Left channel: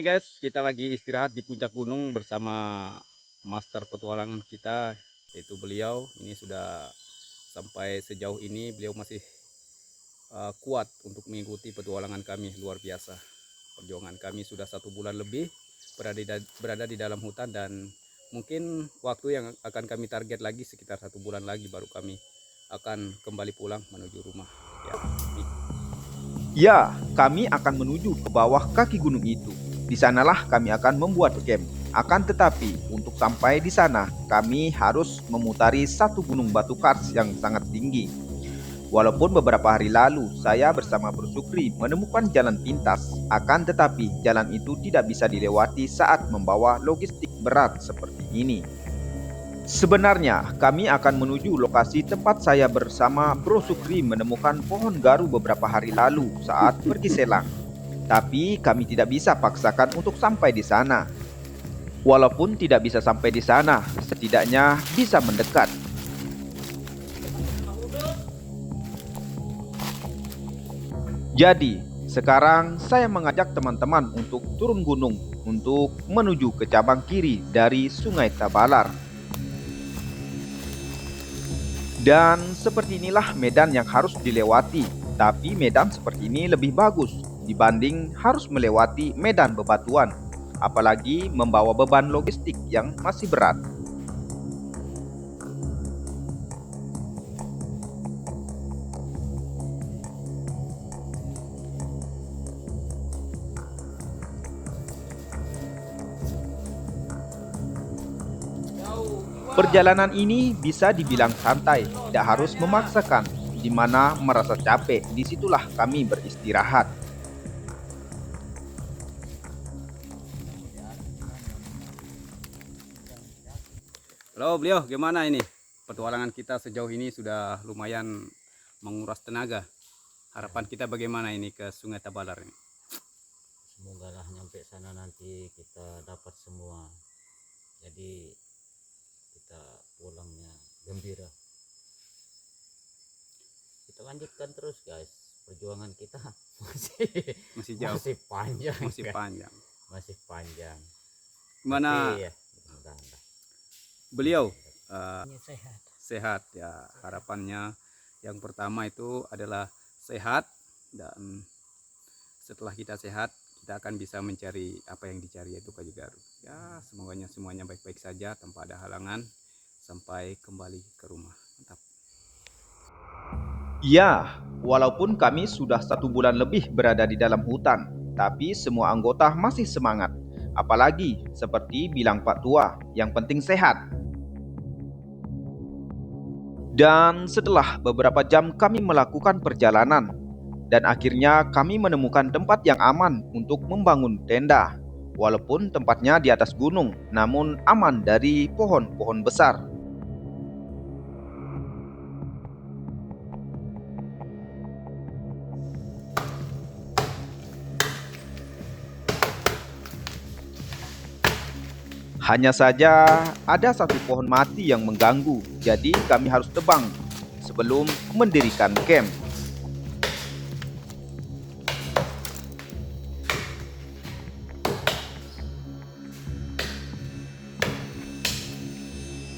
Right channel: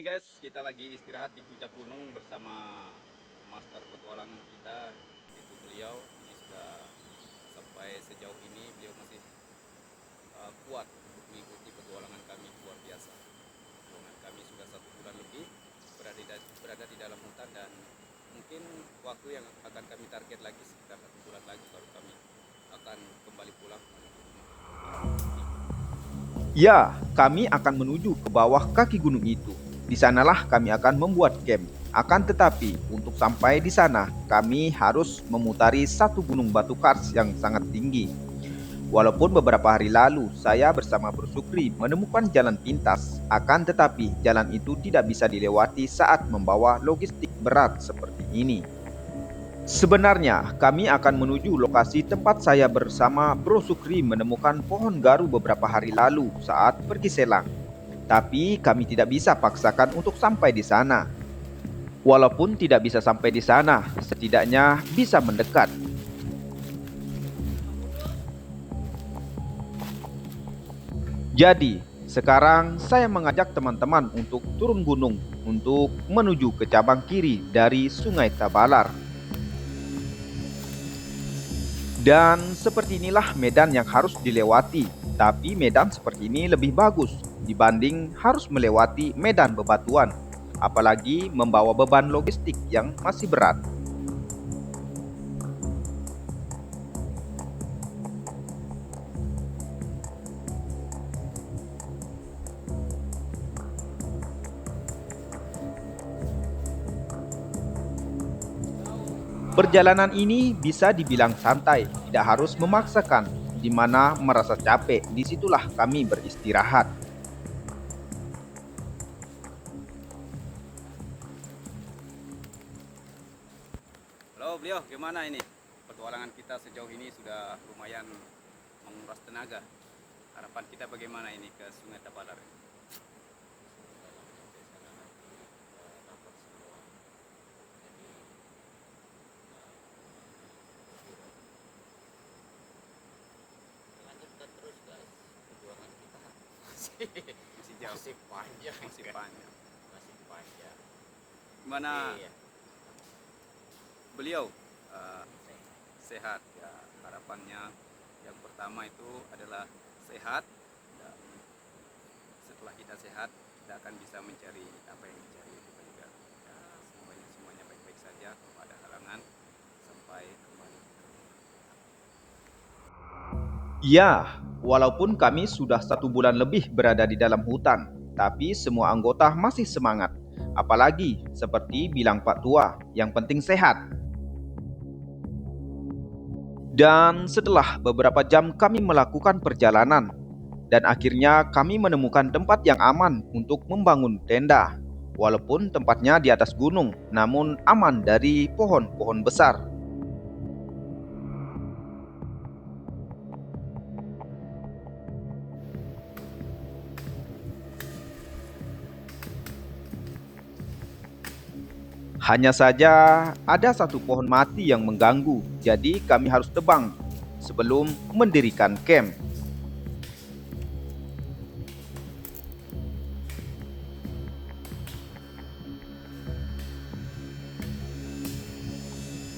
Oke guys, kita lagi istirahat di puncak gunung bersama master petualangan kita, yaitu beliau. Ini sudah sampai sejauh ini beliau masih kuat untuk mengikuti petualangan kami. Luar biasa. Perjuangan kami sudah 1 bulan lebih berada di dalam hutan, dan mungkin waktu yang akan kami target lagi sekitar 1 bulan lagi baru kami akan kembali pulang menuju rumah. Ya, Ya, kami akan menuju ke bawah kaki gunung itu. Di sanalah kami akan membuat camp. Akan tetapi, untuk sampai di sana, kami harus memutari satu gunung batu kars yang sangat tinggi. Walaupun beberapa hari lalu saya bersama Bro Sukri menemukan jalan pintas, akan tetapi jalan itu tidak bisa dilewati saat membawa logistik berat seperti ini. Sebenarnya, kami akan menuju lokasi tempat saya bersama Bro Sukri menemukan pohon garu beberapa hari lalu saat pergi selang. Tapi kami tidak bisa paksakan untuk sampai di sana. Walaupun tidak bisa sampai di sana, setidaknya bisa mendekat. Jadi, sekarang saya mengajak teman-teman untuk turun gunung untuk menuju ke cabang kiri dari Sungai Tabalar. Dan seperti inilah medan yang harus dilewati. Tapi medan seperti ini lebih bagus dibanding harus melewati medan bebatuan, apalagi membawa beban logistik yang masih berat. Perjalanan ini bisa dibilang santai, tidak harus memaksakan. Di mana merasa capek, disitulah kami beristirahat. halo beliau, gimana ini? Petualangan kita sejauh ini sudah lumayan menguras tenaga. Harapan kita bagaimana ini ke Sungai Tabalar ini? Semoga lah nyampe sana nanti kita dapat semua, jadi kita pulangnya gembira. Kita lanjutkan terus guys, perjuangan kita masih Masih jauh, masih panjang masih kan? panjang. Masih panjang. Gimana Tapi ya beliau ini sehat. sehat ya? Harapannya yang pertama itu adalah sehat, dan setelah kita sehat kita akan bisa mencari apa yang dicari, yaitu kayu garu. Ya, semuanya baik-baik saja tanpa ada halangan sampai kembali ke rumah. Mantap. Ya, walaupun kami sudah 1 bulan lebih berada di dalam hutan, tapi semua anggota masih semangat. Apalagi seperti bilang Pak Tua, yang penting sehat. Dan setelah beberapa jam kami melakukan perjalanan, dan akhirnya kami menemukan tempat yang aman untuk membangun tenda. Walaupun tempatnya di atas gunung, namun aman dari pohon-pohon besar. Hanya saja ada satu pohon mati yang mengganggu, jadi kami harus tebang sebelum mendirikan camp.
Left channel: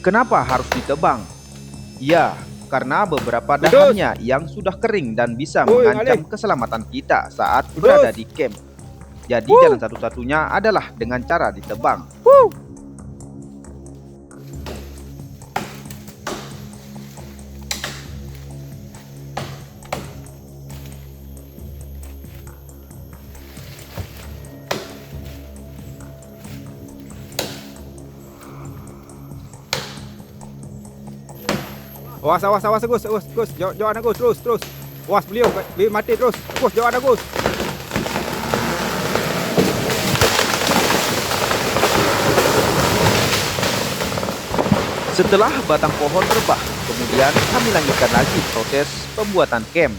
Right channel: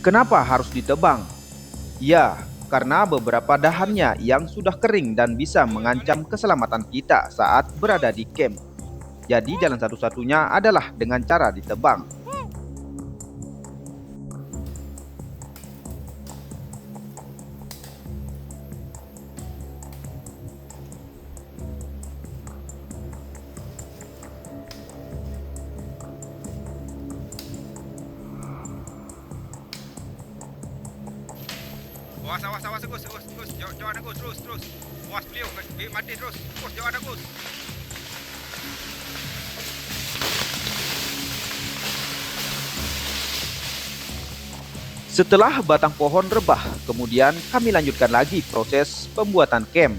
Kenapa harus ditebang? Ya, karena beberapa Kudus, dahannya yang sudah kering dan bisa woi Malik. mengancam keselamatan kita saat Kudus. berada di camp. Jadi Wuh, jalan satu-satunya adalah dengan cara ditebang. wuh. Awas Gus, Gus, jauh ada Gus, terus. Awas beliau, mati terus. Gus, jauh ada Gus. Setelah batang pohon rebah, kemudian kami lanjutkan lagi proses pembuatan camp.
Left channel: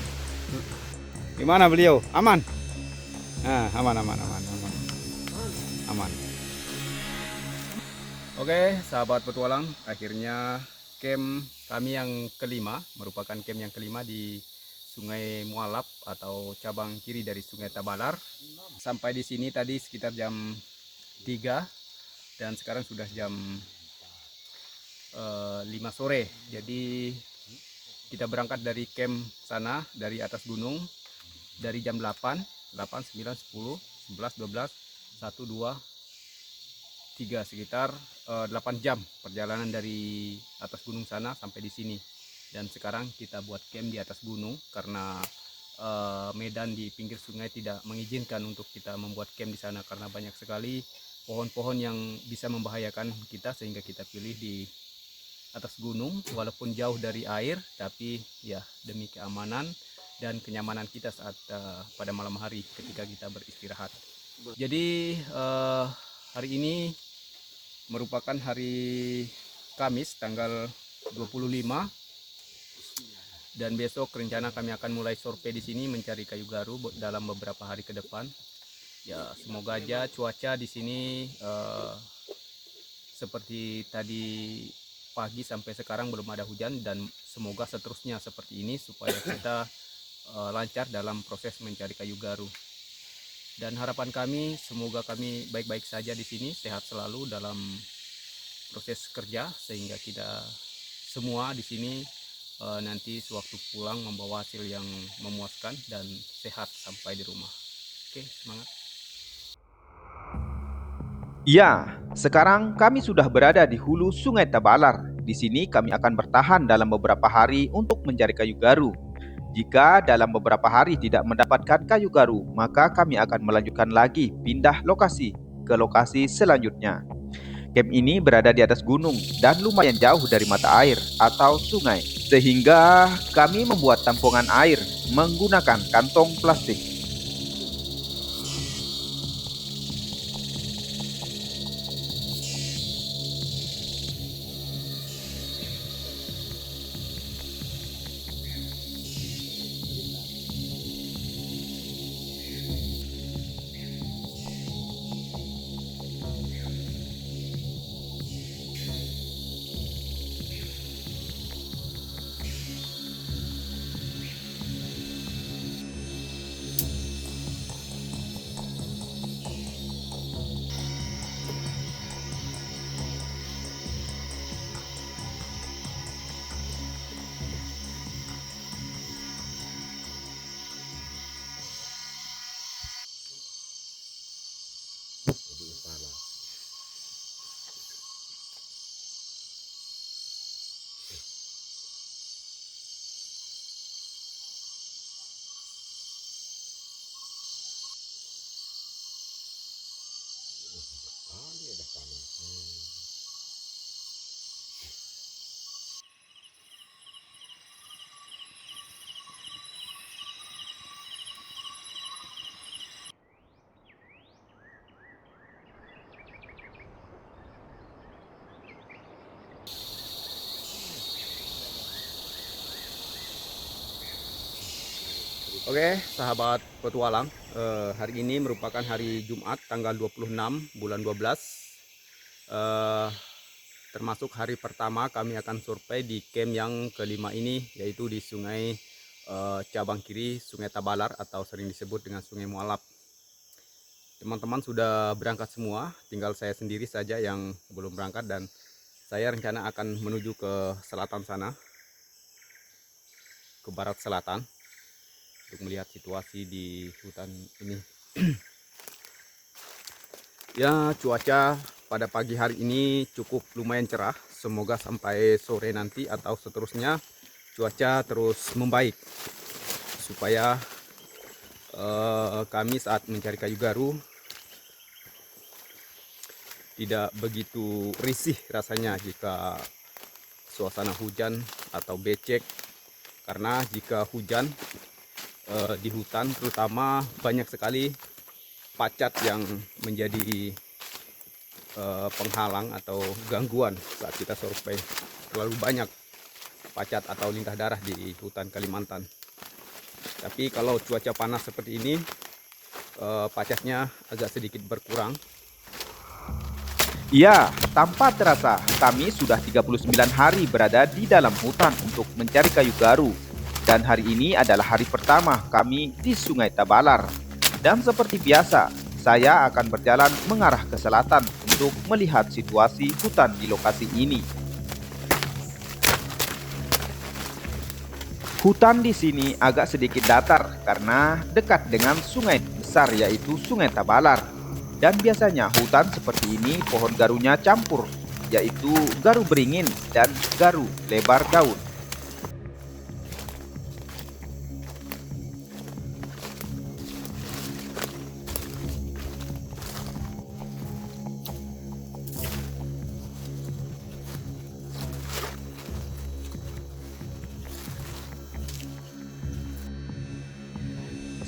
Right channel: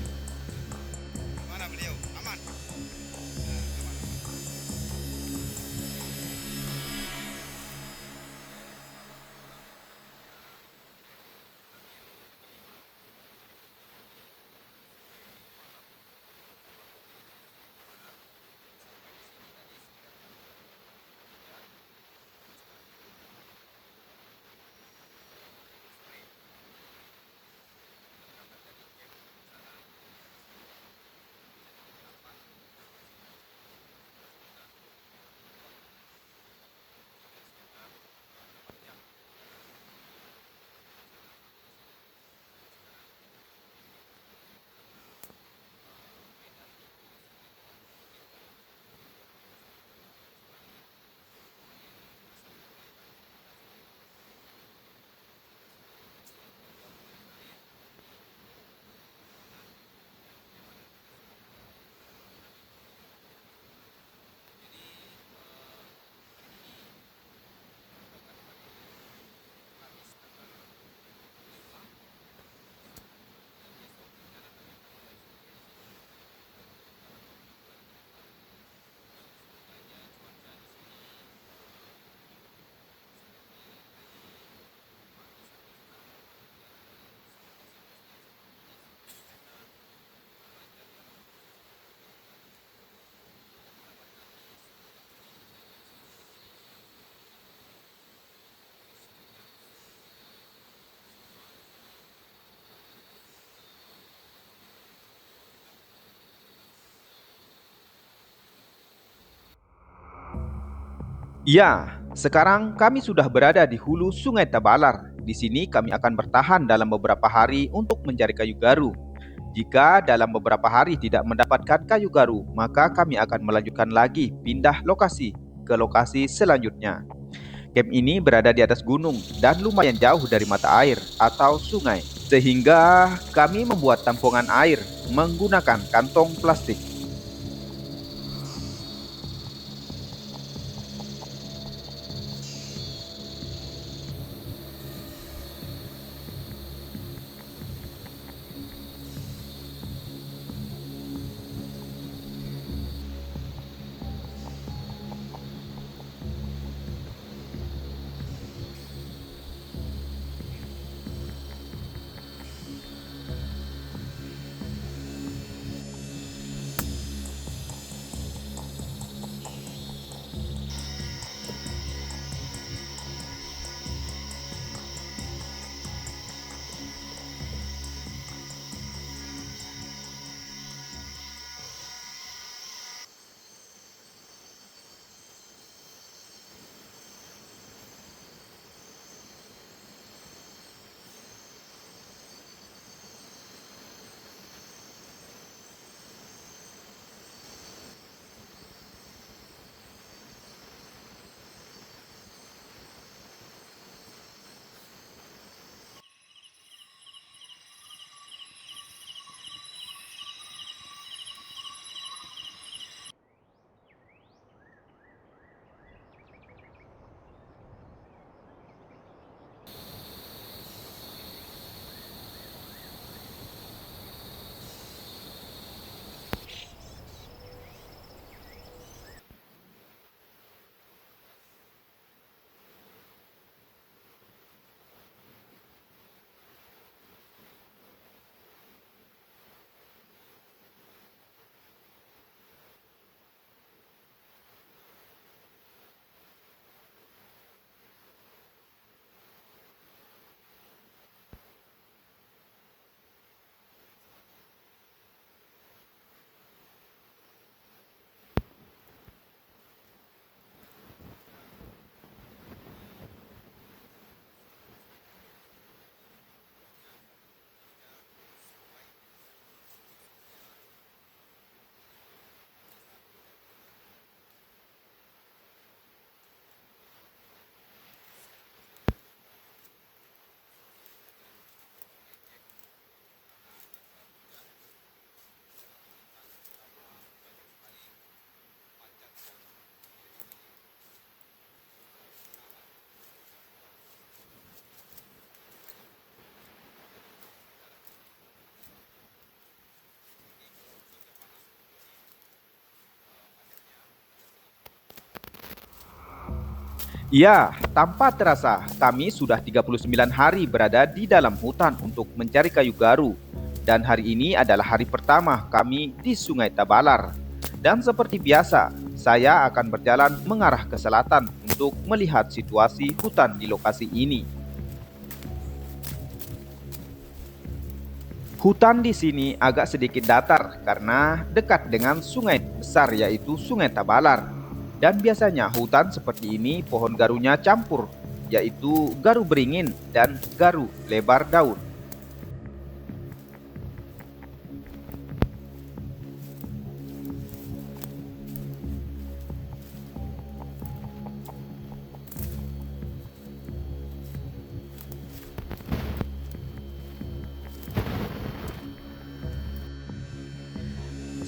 Gimana beliau? Aman? Nah, aman. Aman. Oke, sahabat petualang, akhirnya camp kami yang kelima, merupakan camp yang kelima di Sungai Mualap atau cabang kiri dari Sungai Tabalar. sampai di sini tadi sekitar jam 3 dan sekarang sudah jam 5 sore. Jadi kita berangkat dari camp sana, dari atas gunung, dari jam 8, 9, 10, 11, 12, 1, 2, 3, sekitar 8 jam perjalanan dari atas gunung sana sampai di sini. Dan sekarang kita buat camp di atas gunung karena medan di pinggir sungai tidak mengizinkan untuk kita membuat camp di sana karena banyak sekali pohon-pohon yang bisa membahayakan kita, sehingga kita pilih di atas gunung walaupun jauh dari air, tapi ya demi keamanan dan kenyamanan kita saat pada malam hari ketika kita beristirahat. Jadi hari ini merupakan hari Kamis tanggal 25 dan besok rencana kami akan mulai survei di sini mencari kayu garu dalam beberapa hari ke depan. Ya, semoga aja cuaca di sini seperti tadi pagi sampai sekarang belum ada hujan, dan semoga seterusnya seperti ini supaya kita lancar dalam proses mencari kayu garu. Dan harapan kami semoga kami baik-baik saja di sini, sehat selalu dalam proses kerja, sehingga kita semua di sini nanti sewaktu pulang membawa hasil yang memuaskan dan sehat sampai di rumah. Oke, semangat. Ya, sekarang kami sudah berada di hulu Sungai Tabalar. Di sini kami akan bertahan dalam beberapa hari untuk mencari kayu garu. Jika dalam beberapa hari tidak mendapatkan kayu garu, maka kami akan melanjutkan lagi pindah lokasi ke lokasi selanjutnya. Camp ini berada di atas gunung dan lumayan jauh dari mata air atau sungai, sehingga kami membuat tampungan air menggunakan kantong plastik. Oke, sahabat petualang, hari ini merupakan hari Jumat tanggal 26 bulan 12. Termasuk hari pertama kami akan survei di camp yang kelima ini, yaitu di sungai cabang kiri Sungai Tabalar atau sering disebut dengan Sungai Mualaf. Teman-teman sudah berangkat semua, tinggal saya sendiri saja yang belum berangkat, dan saya rencana akan menuju ke selatan sana, ke barat selatan, untuk melihat situasi di hutan ini. Ya, cuaca pada pagi hari ini cukup lumayan cerah. Semoga sampai sore nanti atau seterusnya cuaca terus membaik supaya kami saat mencari kayu garu tidak begitu risih rasanya jika suasana hujan atau becek, karena jika hujan di hutan terutama banyak sekali pacat yang menjadi penghalang atau gangguan saat kita survei. Terlalu banyak pacat atau lintah darah di hutan Kalimantan. Tapi kalau cuaca panas seperti ini, pacatnya agak sedikit berkurang. Ya, tanpa terasa kami sudah 39 hari berada di dalam hutan untuk mencari kayu garu. Dan hari ini adalah hari pertama kami di Sungai Tabalar. Dan seperti biasa, saya akan berjalan mengarah ke selatan untuk melihat situasi hutan di lokasi ini. Hutan di sini agak sedikit datar karena dekat dengan sungai besar yaitu Sungai Tabalar. Dan biasanya hutan seperti ini pohon garunya campur, yaitu garu beringin dan garu lebar daun.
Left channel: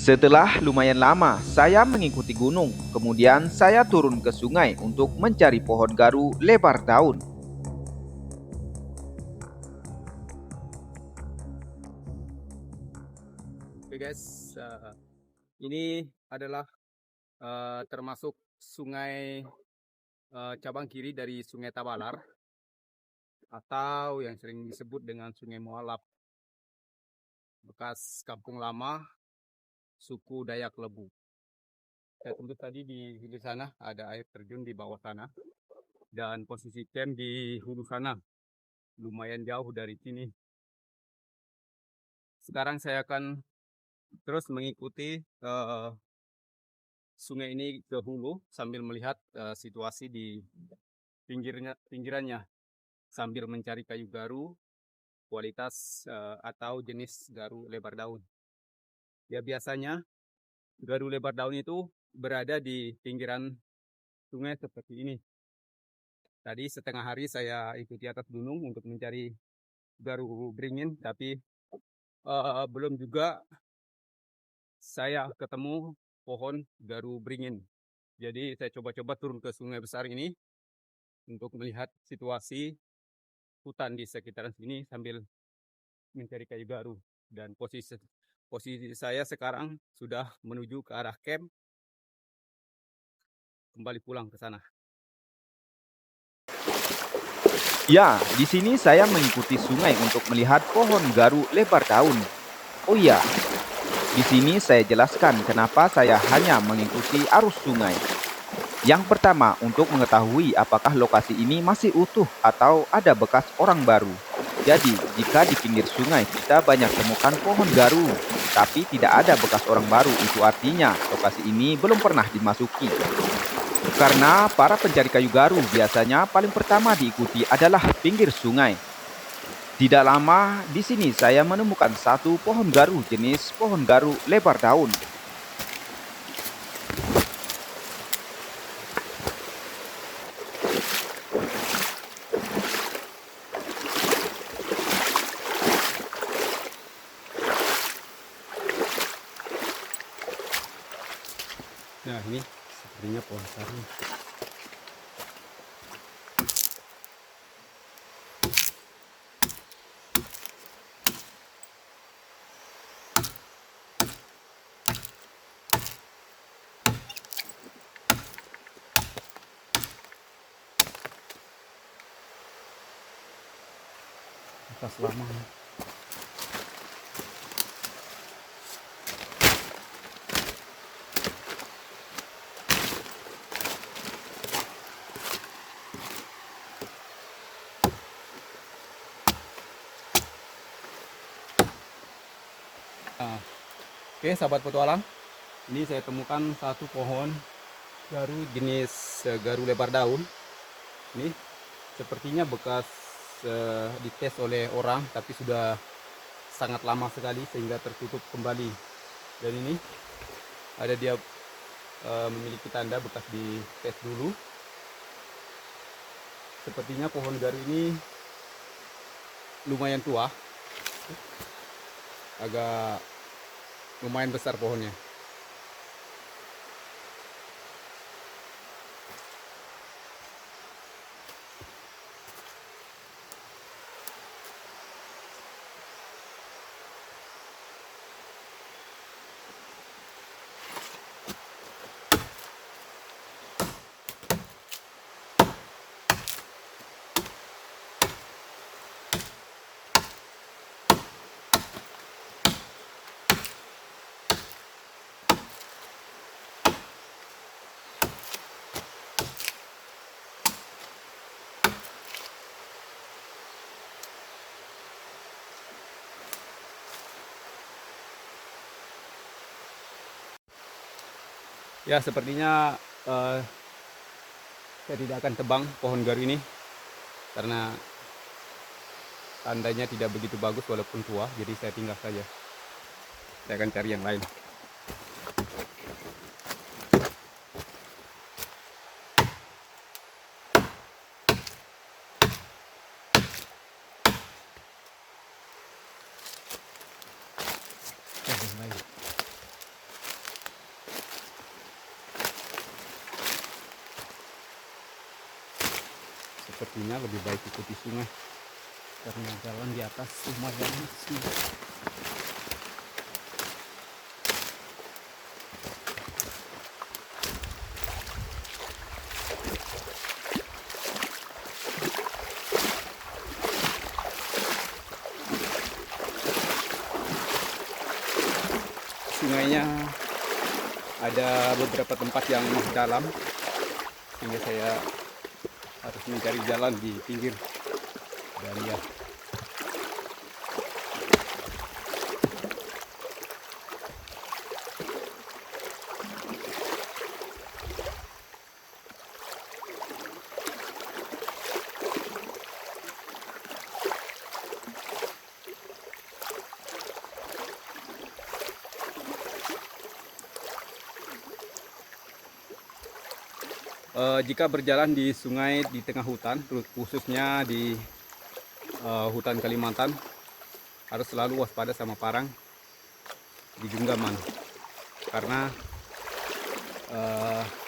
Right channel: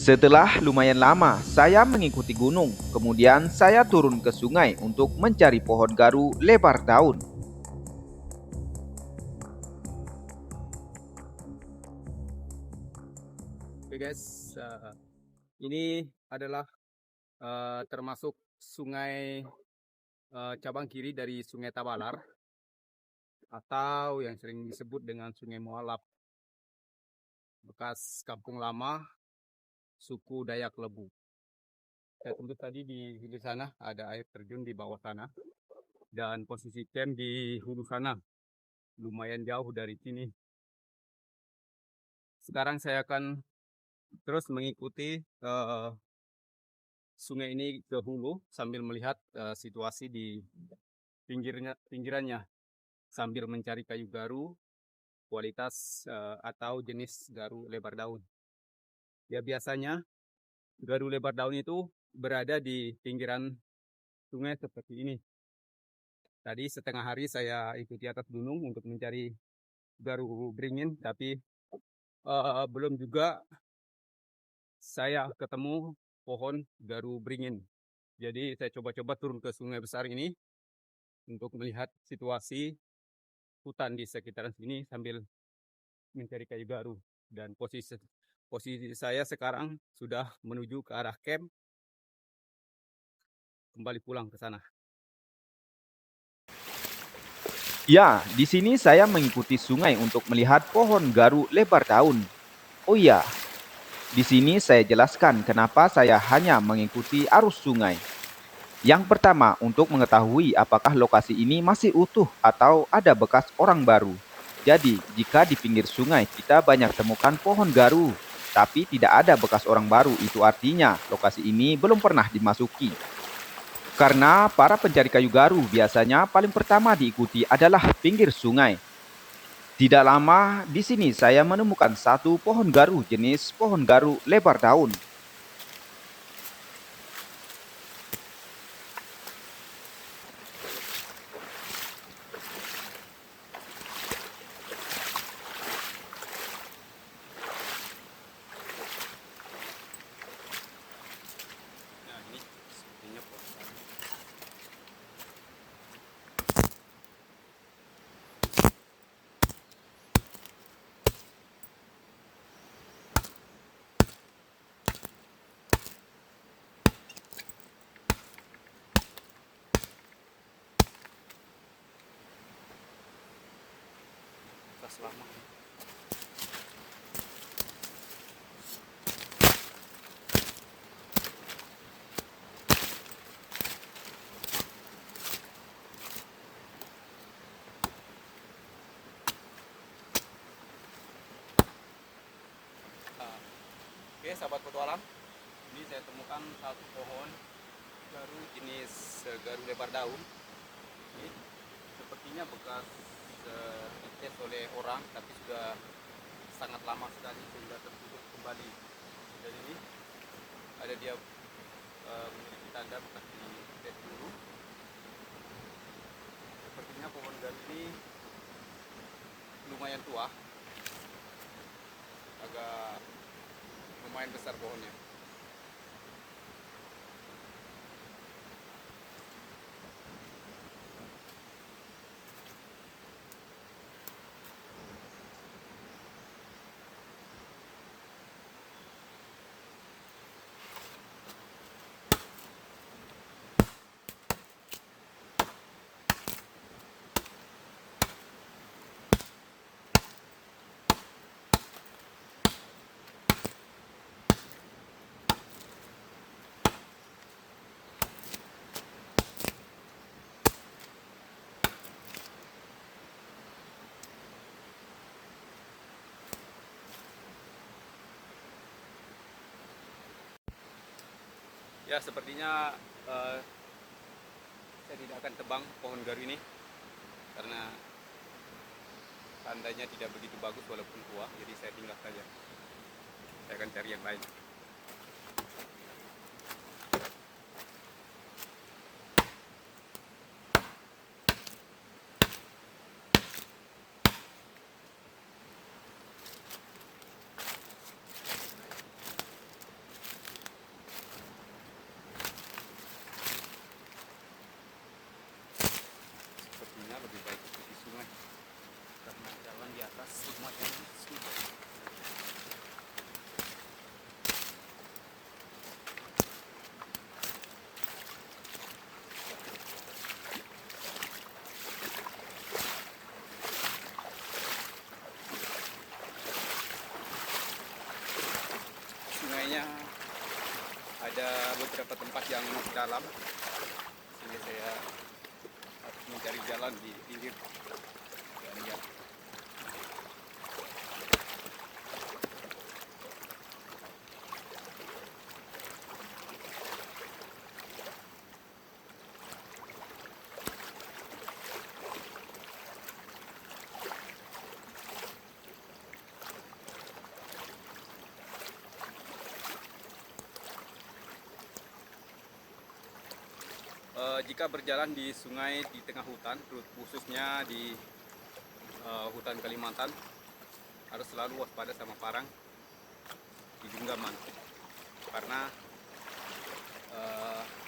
Setelah lumayan lama, saya mengikuti gunung. Kemudian saya turun ke sungai untuk mencari pohon garu lebar daun. Oke guys, ini adalah termasuk sungai cabang kiri dari Sungai Tabalar atau yang sering disebut dengan Sungai Mualaf, bekas kampung lama suku Dayak Lebu. Saya tunggu tadi di hulu sana ada air terjun di bawah sana, dan posisi camp di hulu sana lumayan jauh dari sini. Sekarang saya akan terus mengikuti sungai ini ke hulu sambil melihat situasi di pinggirannya sambil mencari kayu garu kualitas atau jenis garu lebar daun. Ya biasanya garu lebar daun itu berada di pinggiran sungai seperti ini. Tadi setengah hari saya ikuti atas gunung untuk mencari garu beringin, tapi belum juga saya ketemu pohon garu beringin. Jadi saya coba-coba turun ke sungai besar ini untuk melihat situasi hutan di sekitaran sini sambil mencari kayu garu. Dan posisi saya sekarang sudah menuju ke arah camp, kembali pulang ke sana. Ya, di sini saya mengikuti sungai untuk melihat pohon garu lebar daun. Oh iya, di sini saya jelaskan kenapa saya hanya mengikuti arus sungai. Yang pertama, untuk mengetahui apakah lokasi ini masih utuh atau ada bekas orang baru. Jadi, jika di pinggir sungai kita banyak temukan pohon garu, tapi tidak ada bekas orang baru, itu artinya lokasi ini belum pernah dimasuki. Karena para pencari kayu garu biasanya paling pertama diikuti adalah pinggir sungai. Tidak lama di sini saya menemukan satu pohon garu jenis pohon garu lebar daun. Nah ini sepertinya pohon sawi. Bekas lama. Nah, oke sahabat petualang, ini saya temukan satu pohon garu jenis garu lebar daun. Ini sepertinya bekas dites oleh orang, tapi sudah sangat lama sekali sehingga tertutup kembali. Dan ini ada dia memiliki tanda bekas dites dulu. Sepertinya pohon garu ini lumayan tua, agak lumayan besar pohonnya. Ya, sepertinya saya tidak akan tebang pohon garu ini karena tandanya tidak begitu bagus walaupun tua, jadi saya tinggal saja. Saya akan cari yang lain. Sepertinya lebih baik ikuti sungai karena jalan di atas lumayan sih. Sungainya ada beberapa tempat yang dalam sehingga saya harus mencari jalan di pinggir, dan ya jika berjalan di sungai di tengah hutan, khususnya di hutan Kalimantan, harus selalu waspada sama parang di genggaman karena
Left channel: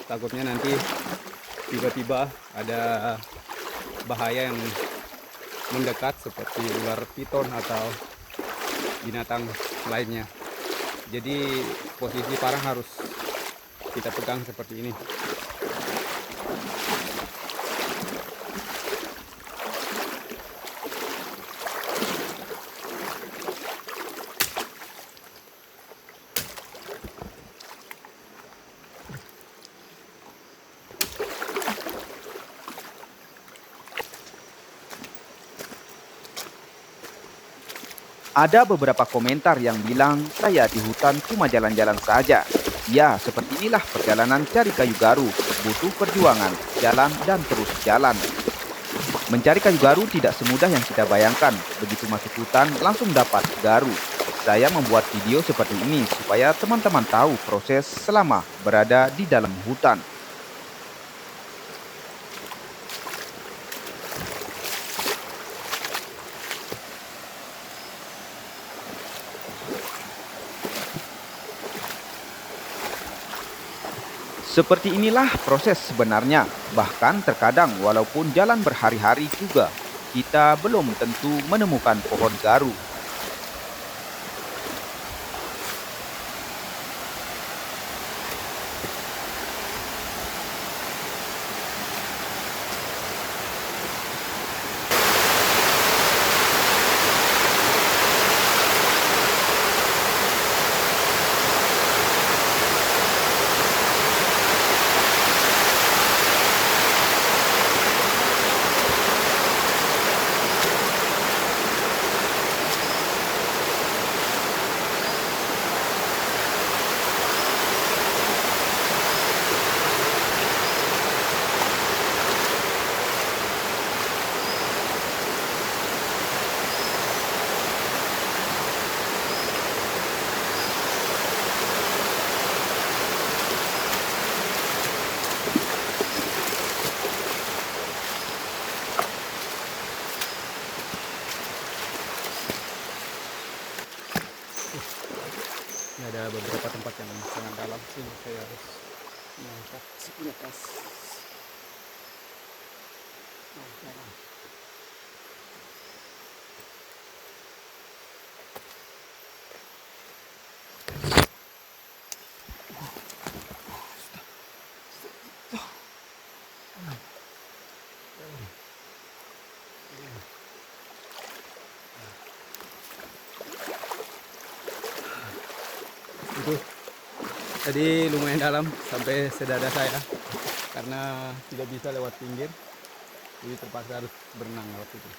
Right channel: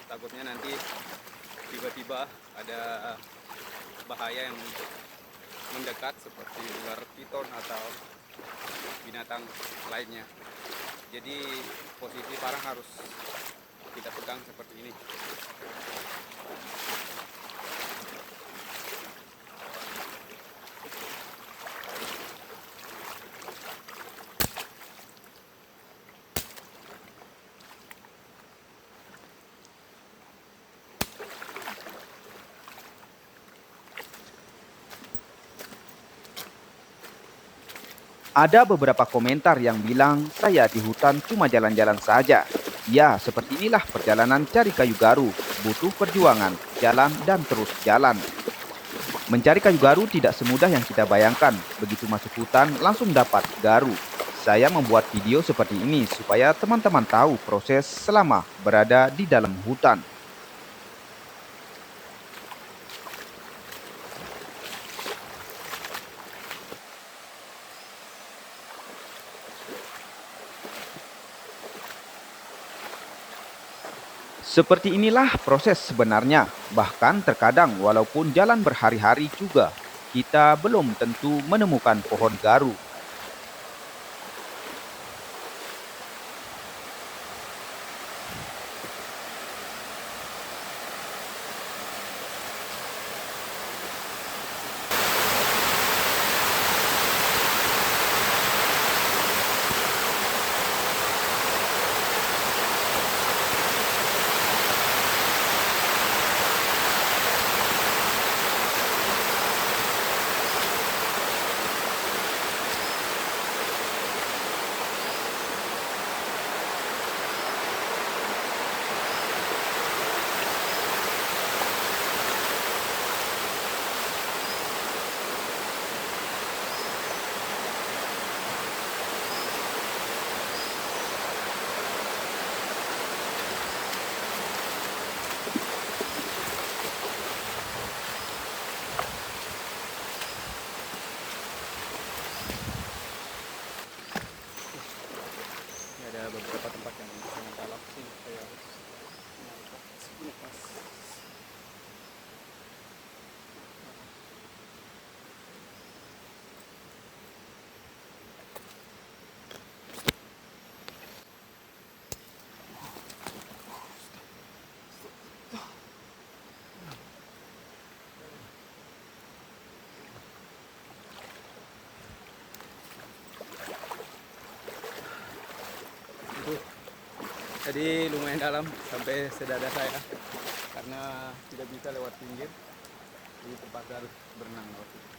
takutnya nanti tiba-tiba ada bahaya yang mendekat seperti ular piton atau binatang lainnya. Jadi posisi parang harus kita pegang seperti ini. Ada beberapa komentar yang bilang saya di hutan cuma jalan-jalan saja. Ya, seperti inilah perjalanan cari kayu garu. Butuh perjuangan, jalan dan terus jalan. Mencari kayu garu tidak semudah yang kita bayangkan. Begitu masuk hutan langsung dapat garu. Saya membuat video seperti ini supaya teman-teman tahu proses selama berada di dalam hutan. Seperti inilah proses sebenarnya. Bahkan terkadang walaupun jalan berhari-hari juga, kita belum tentu menemukan pohon garu. ini ada beberapa tempat yang sangat dalam sih, saya harus mengangkat ini atas. Itu tadi lumayan dalam sampai sedada saya karena tidak bisa lewat pinggir, jadi terpaksa harus berenang lewat itu.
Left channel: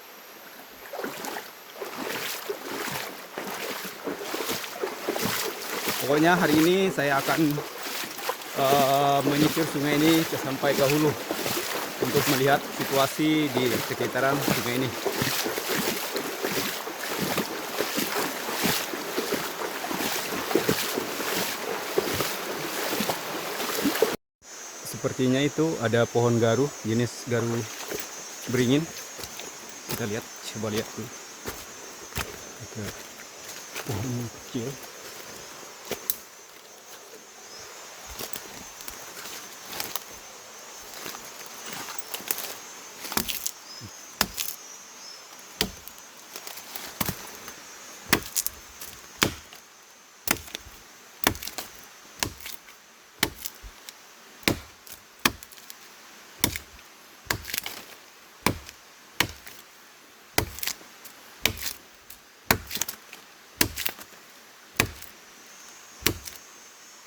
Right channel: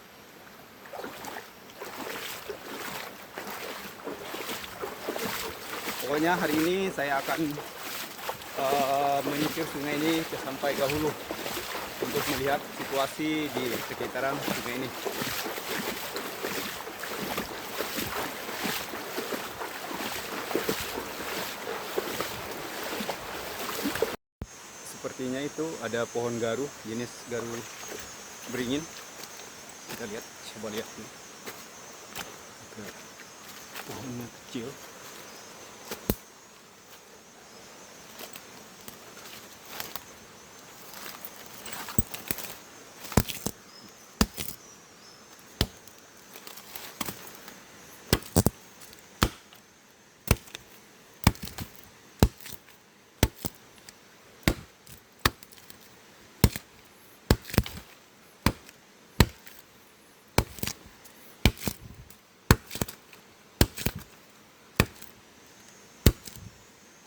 Pokoknya hari ini saya akan menyisir sungai ini sampai ke hulu untuk melihat situasi di sekitaran sungai ini. Sepertinya itu ada pohon garu, jenis garu beringin. Kita lihat, coba lihat dulu. Ada pohon kecil.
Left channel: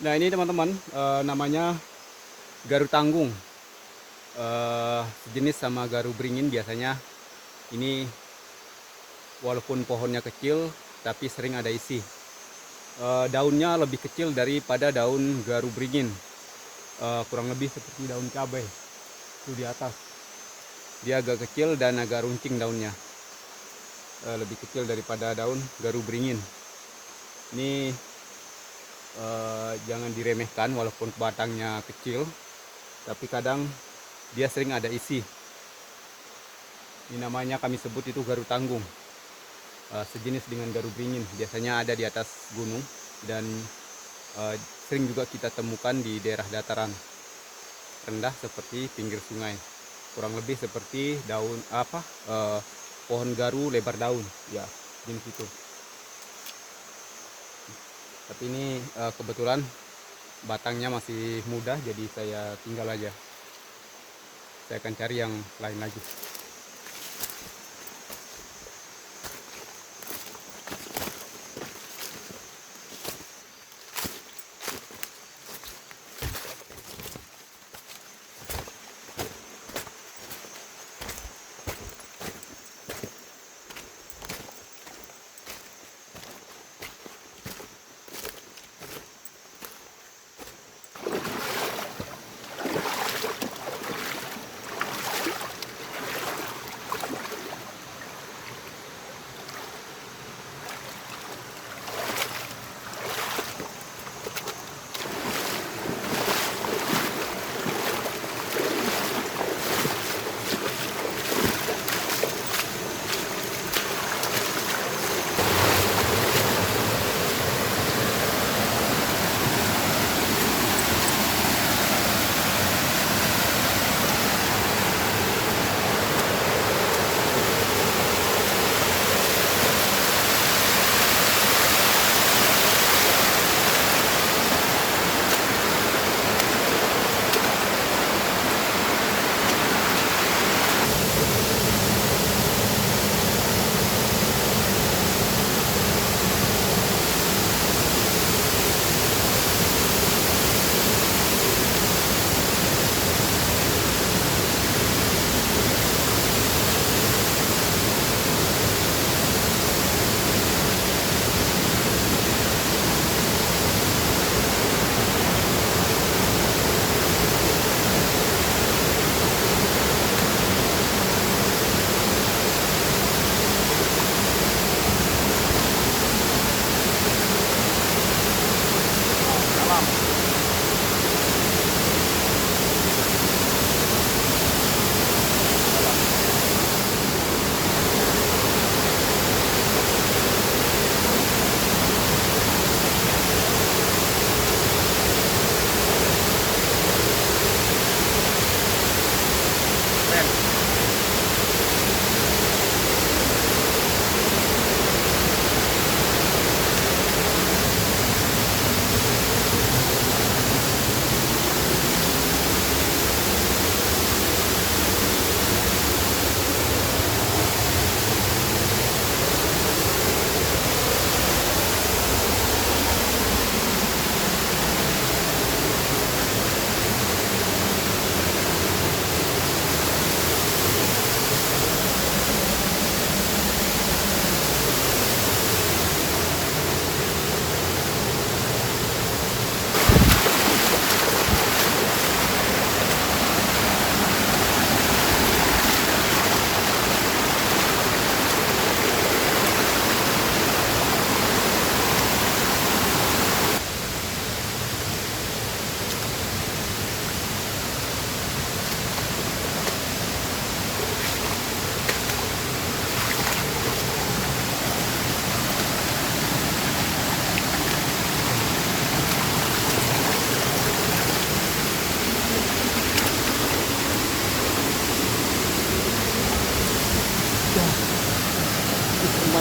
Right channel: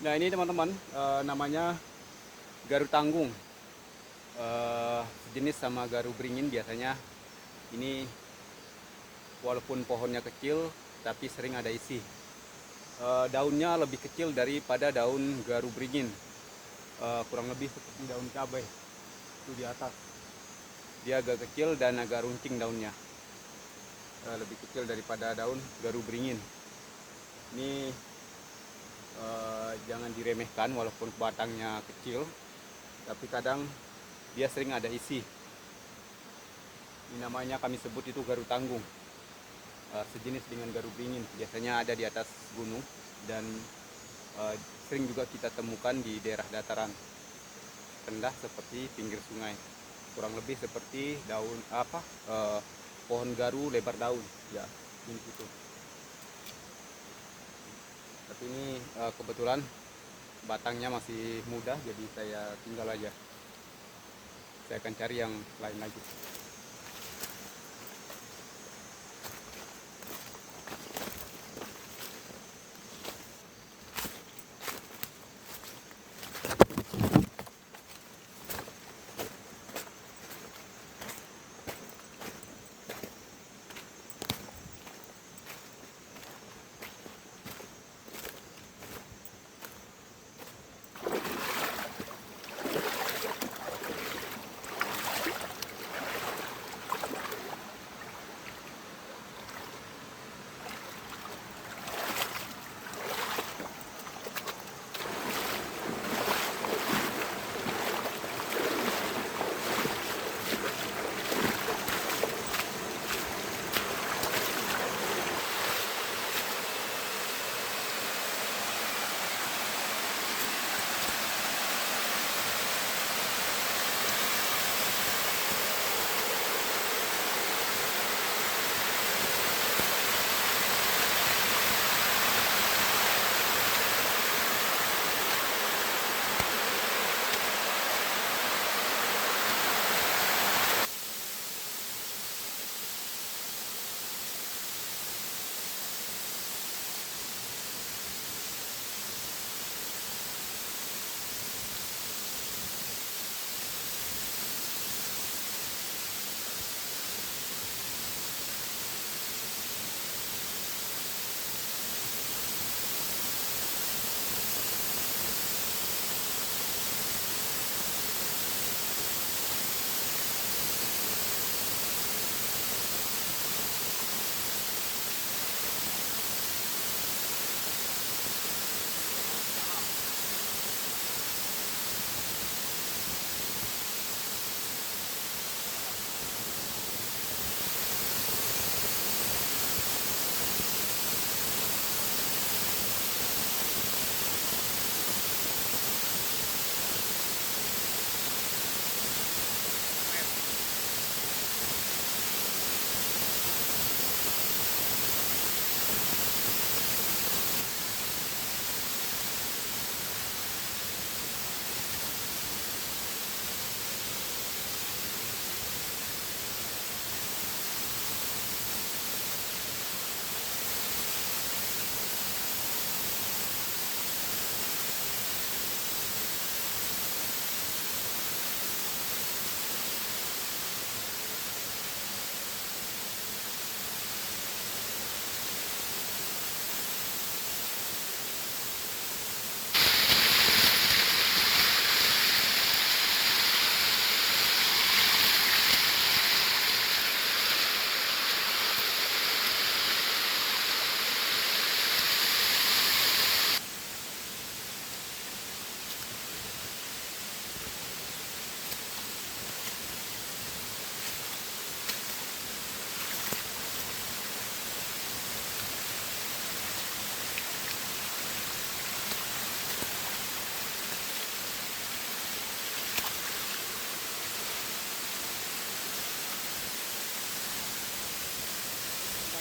Nah ini teman-teman, namanya garu tanggung, sejenis sama garu beringin. Biasanya ini walaupun pohonnya kecil tapi sering ada isi. Daunnya lebih kecil daripada daun garu beringin, kurang lebih seperti daun cabai itu di atas. Dia agak kecil dan agak runcing daunnya, lebih kecil daripada daun garu beringin. Ini jangan diremehkan, walaupun batangnya kecil tapi kadang dia sering ada isi. Ini namanya kami sebut itu garu tanggung, sejenis dengan garu beringin. Biasanya ada di atas gunung dan sering juga kita temukan di daerah dataran rendah seperti pinggir sungai. Kurang lebih seperti daun pohon garu lebar daun, ya jenis itu. Tapi ini kebetulan batangnya masih muda, jadi saya tinggal aja. Saya akan cari yang lain lagi.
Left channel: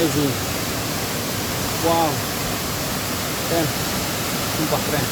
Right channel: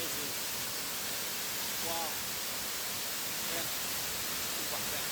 Amazing. Wow. Keren. Sumpah keren.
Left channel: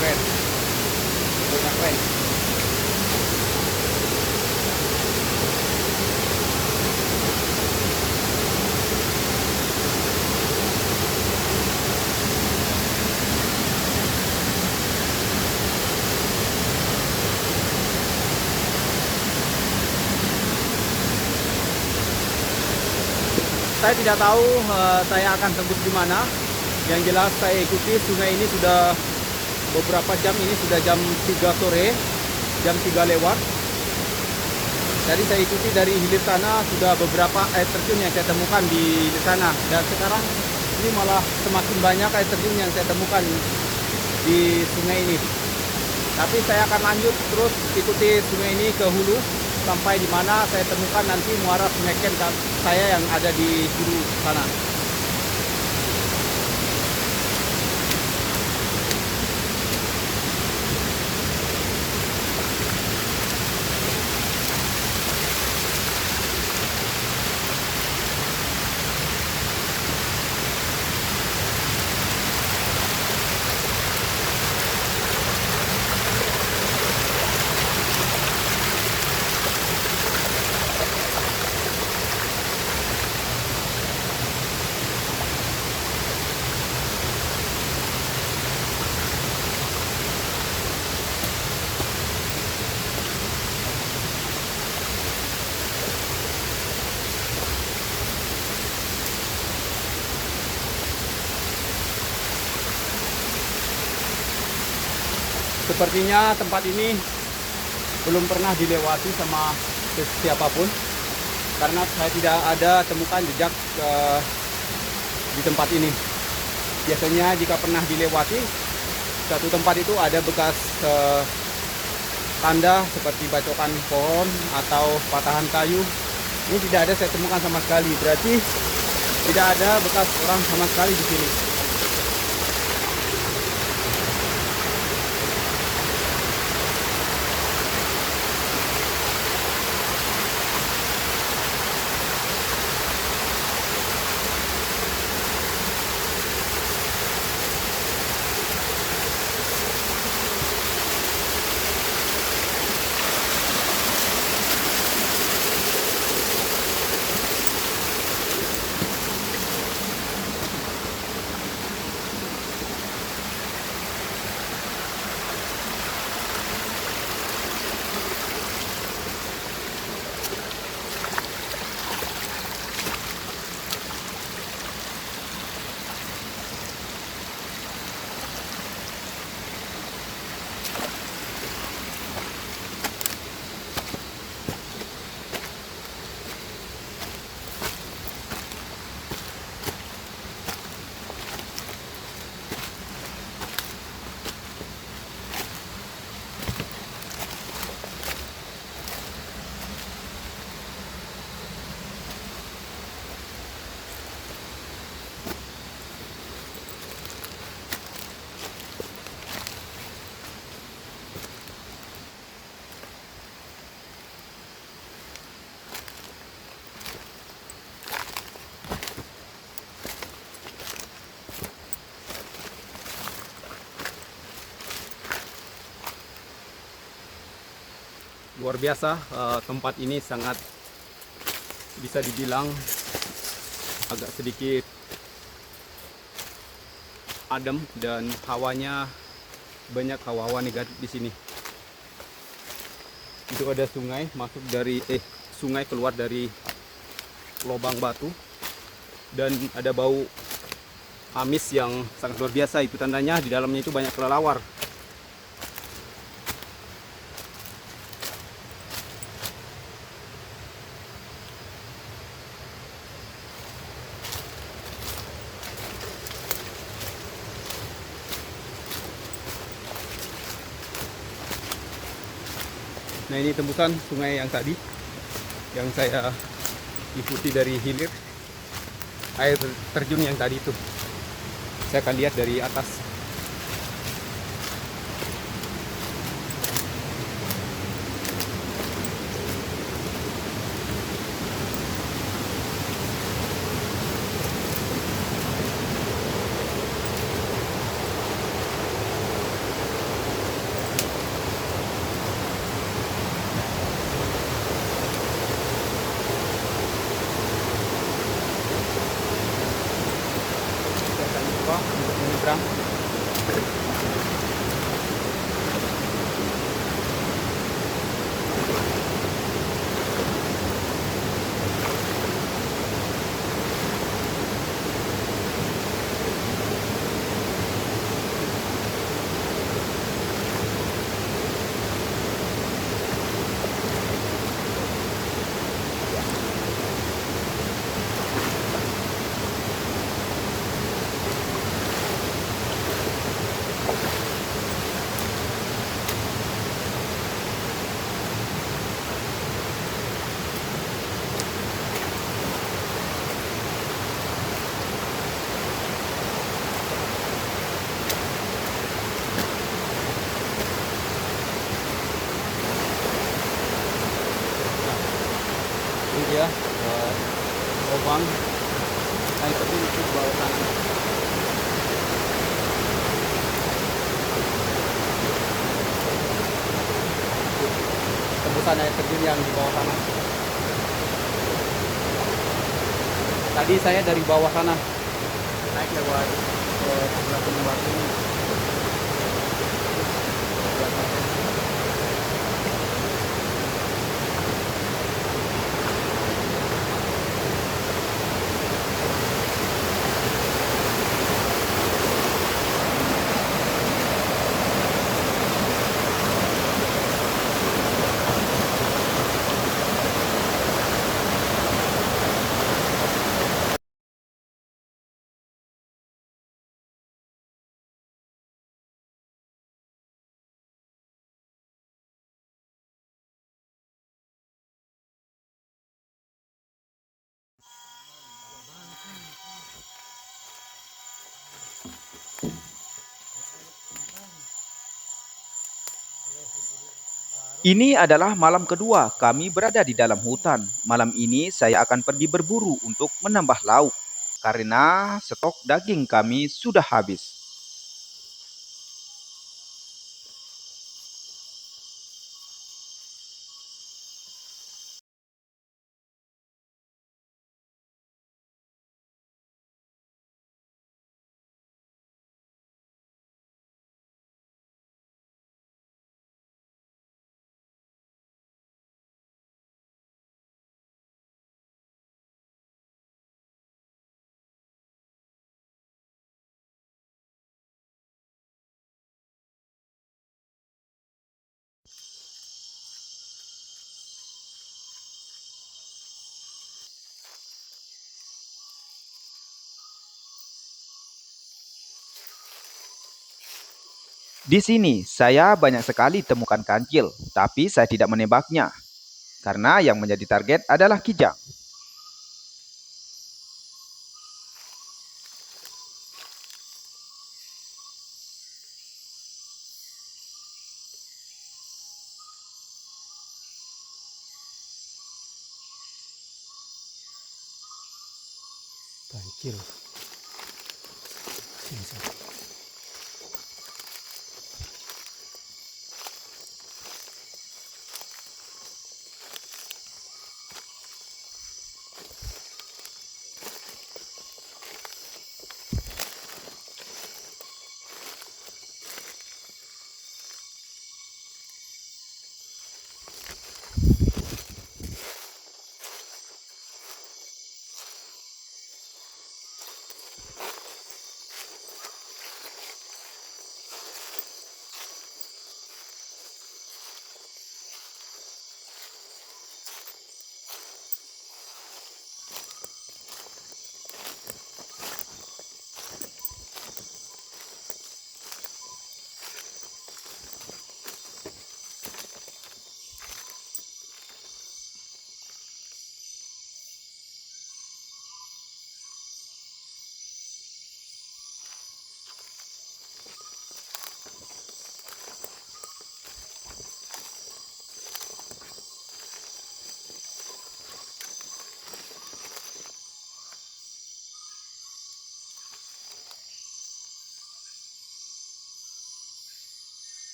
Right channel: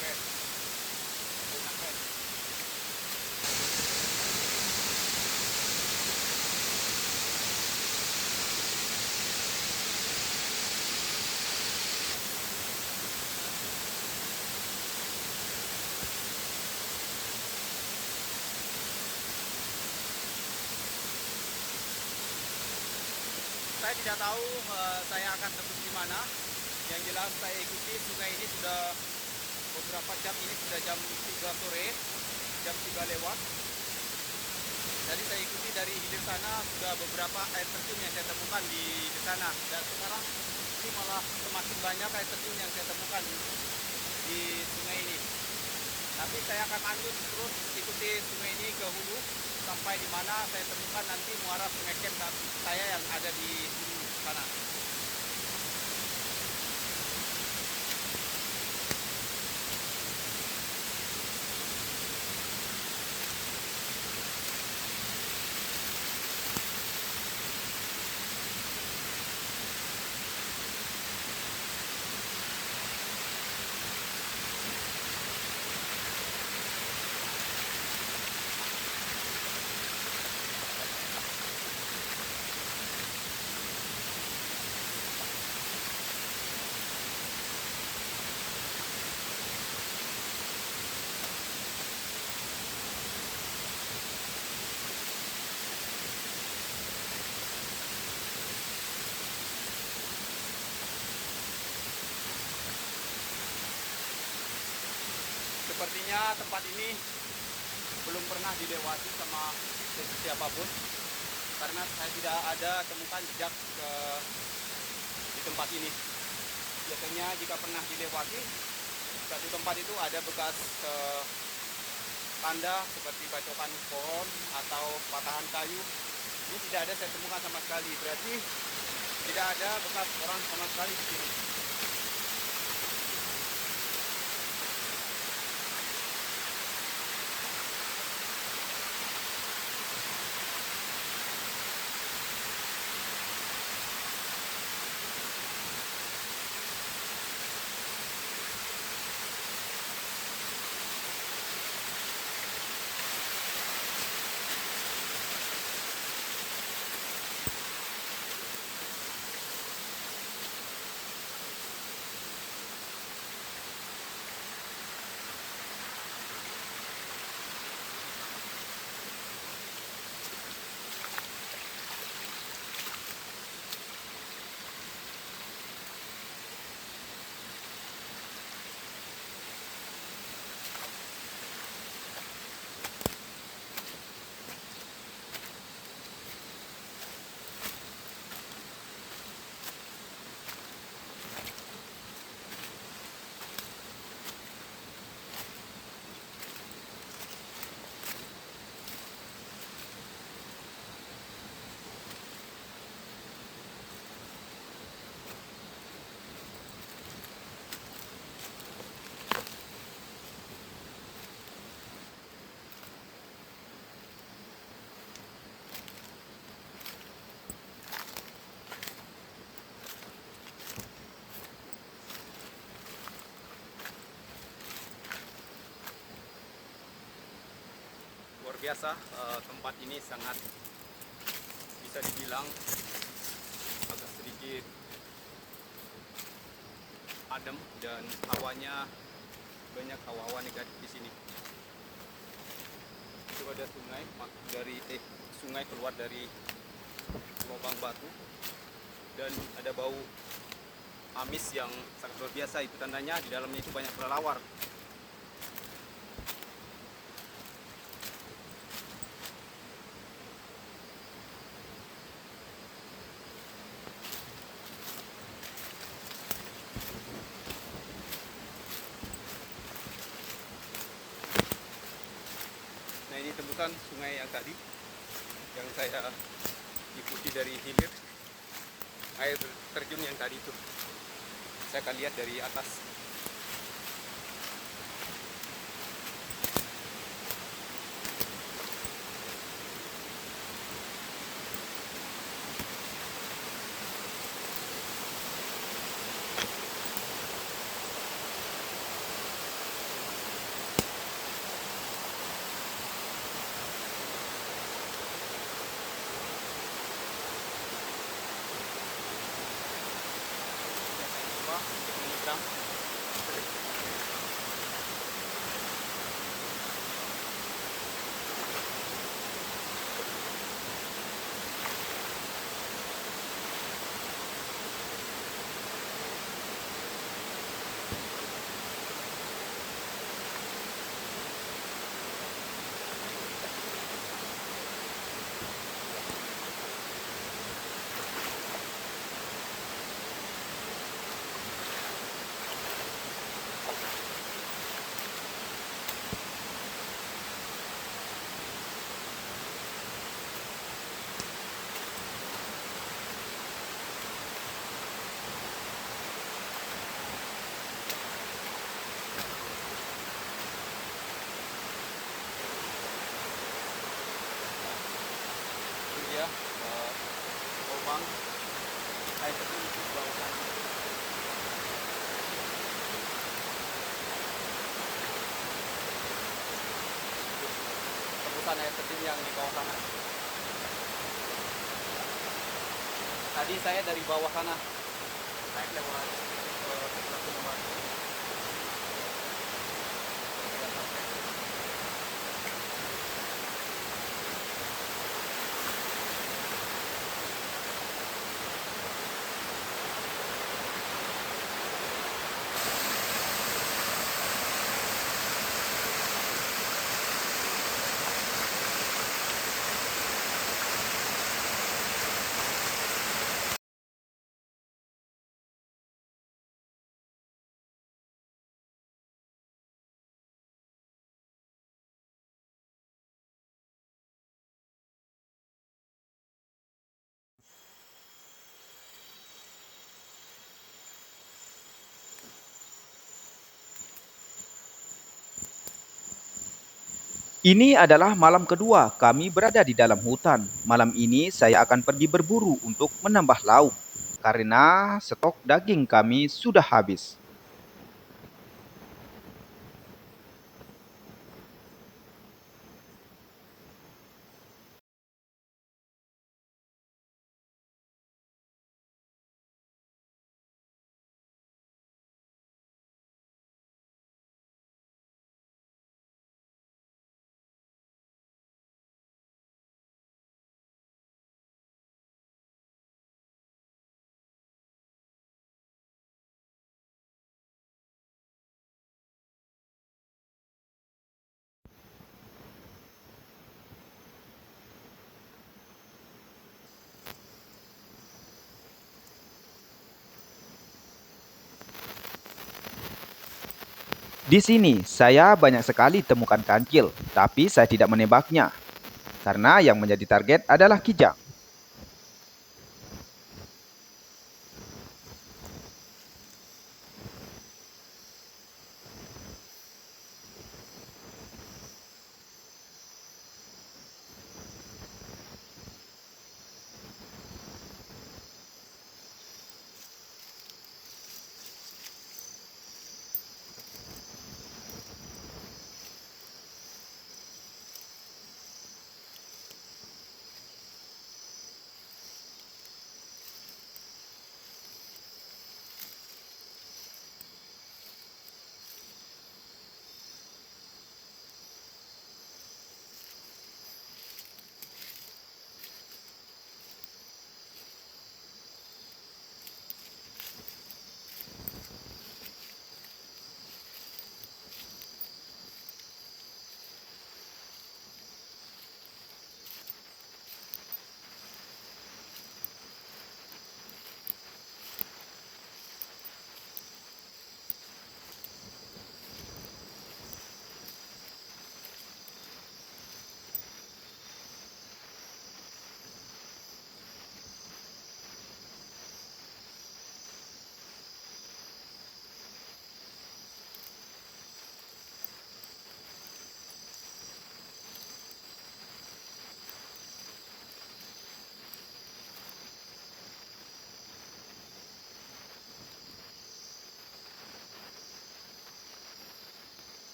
Keren. Banyak keren. Saya tidak tahu saya akan tembus di mana. Yang jelas saya ikuti sungai ini sudah beberapa jam, ini sudah jam 3 sore, jam 3 lewat. Jadi saya ikuti dari hilir sana, sudah beberapa air terjun yang saya temukan di hilir sana. Dan sekarang ini malah semakin banyak air terjun yang saya temukan di sungai ini. Tapi saya akan lanjut terus ikuti sungai ini ke hulu sampai di mana saya temukan nanti muara Sungai Ken saya yang ada di hulu sana. Sepertinya tempat ini belum pernah dilewati sama siapapun karena saya tidak ada temukan jejak di tempat ini. Biasanya jika pernah dilewati satu tempat itu ada bekas tanda seperti bacokan pohon atau patahan kayu. Ini tidak ada saya temukan sama sekali. Berarti tidak ada bekas orang sama sekali di sini. luar biasa. Tempat ini sangat bisa dibilang agak sedikit adem dan hawanya banyak hawa-hawa negatif di sini. Itu ada sungai masuk dari sungai keluar dari lubang batu dan ada bau amis yang sangat luar biasa. Itu tandanya di dalamnya itu banyak kelelawar. Nah, ini tembusan sungai yang tadi yang saya ikuti dari hilir. Air terjun yang tadi itu saya akan lihat dari atas. Saya akan coba untuk menyeberang. Ini dia lubang air terjun itu di bawah sana. Tembusan air terjun yang di bawah sana. Tadi saya dari bawah sana naik lewat sebelah gunung batu ini. Di atasnya. Ini adalah malam kedua kami berada di dalam hutan. Malam ini saya akan pergi berburu untuk menambah lauk karena stok daging kami sudah habis. Di sini saya banyak sekali temukan kancil, tapi saya tidak menembaknya karena yang menjadi target adalah kijang. Kancil.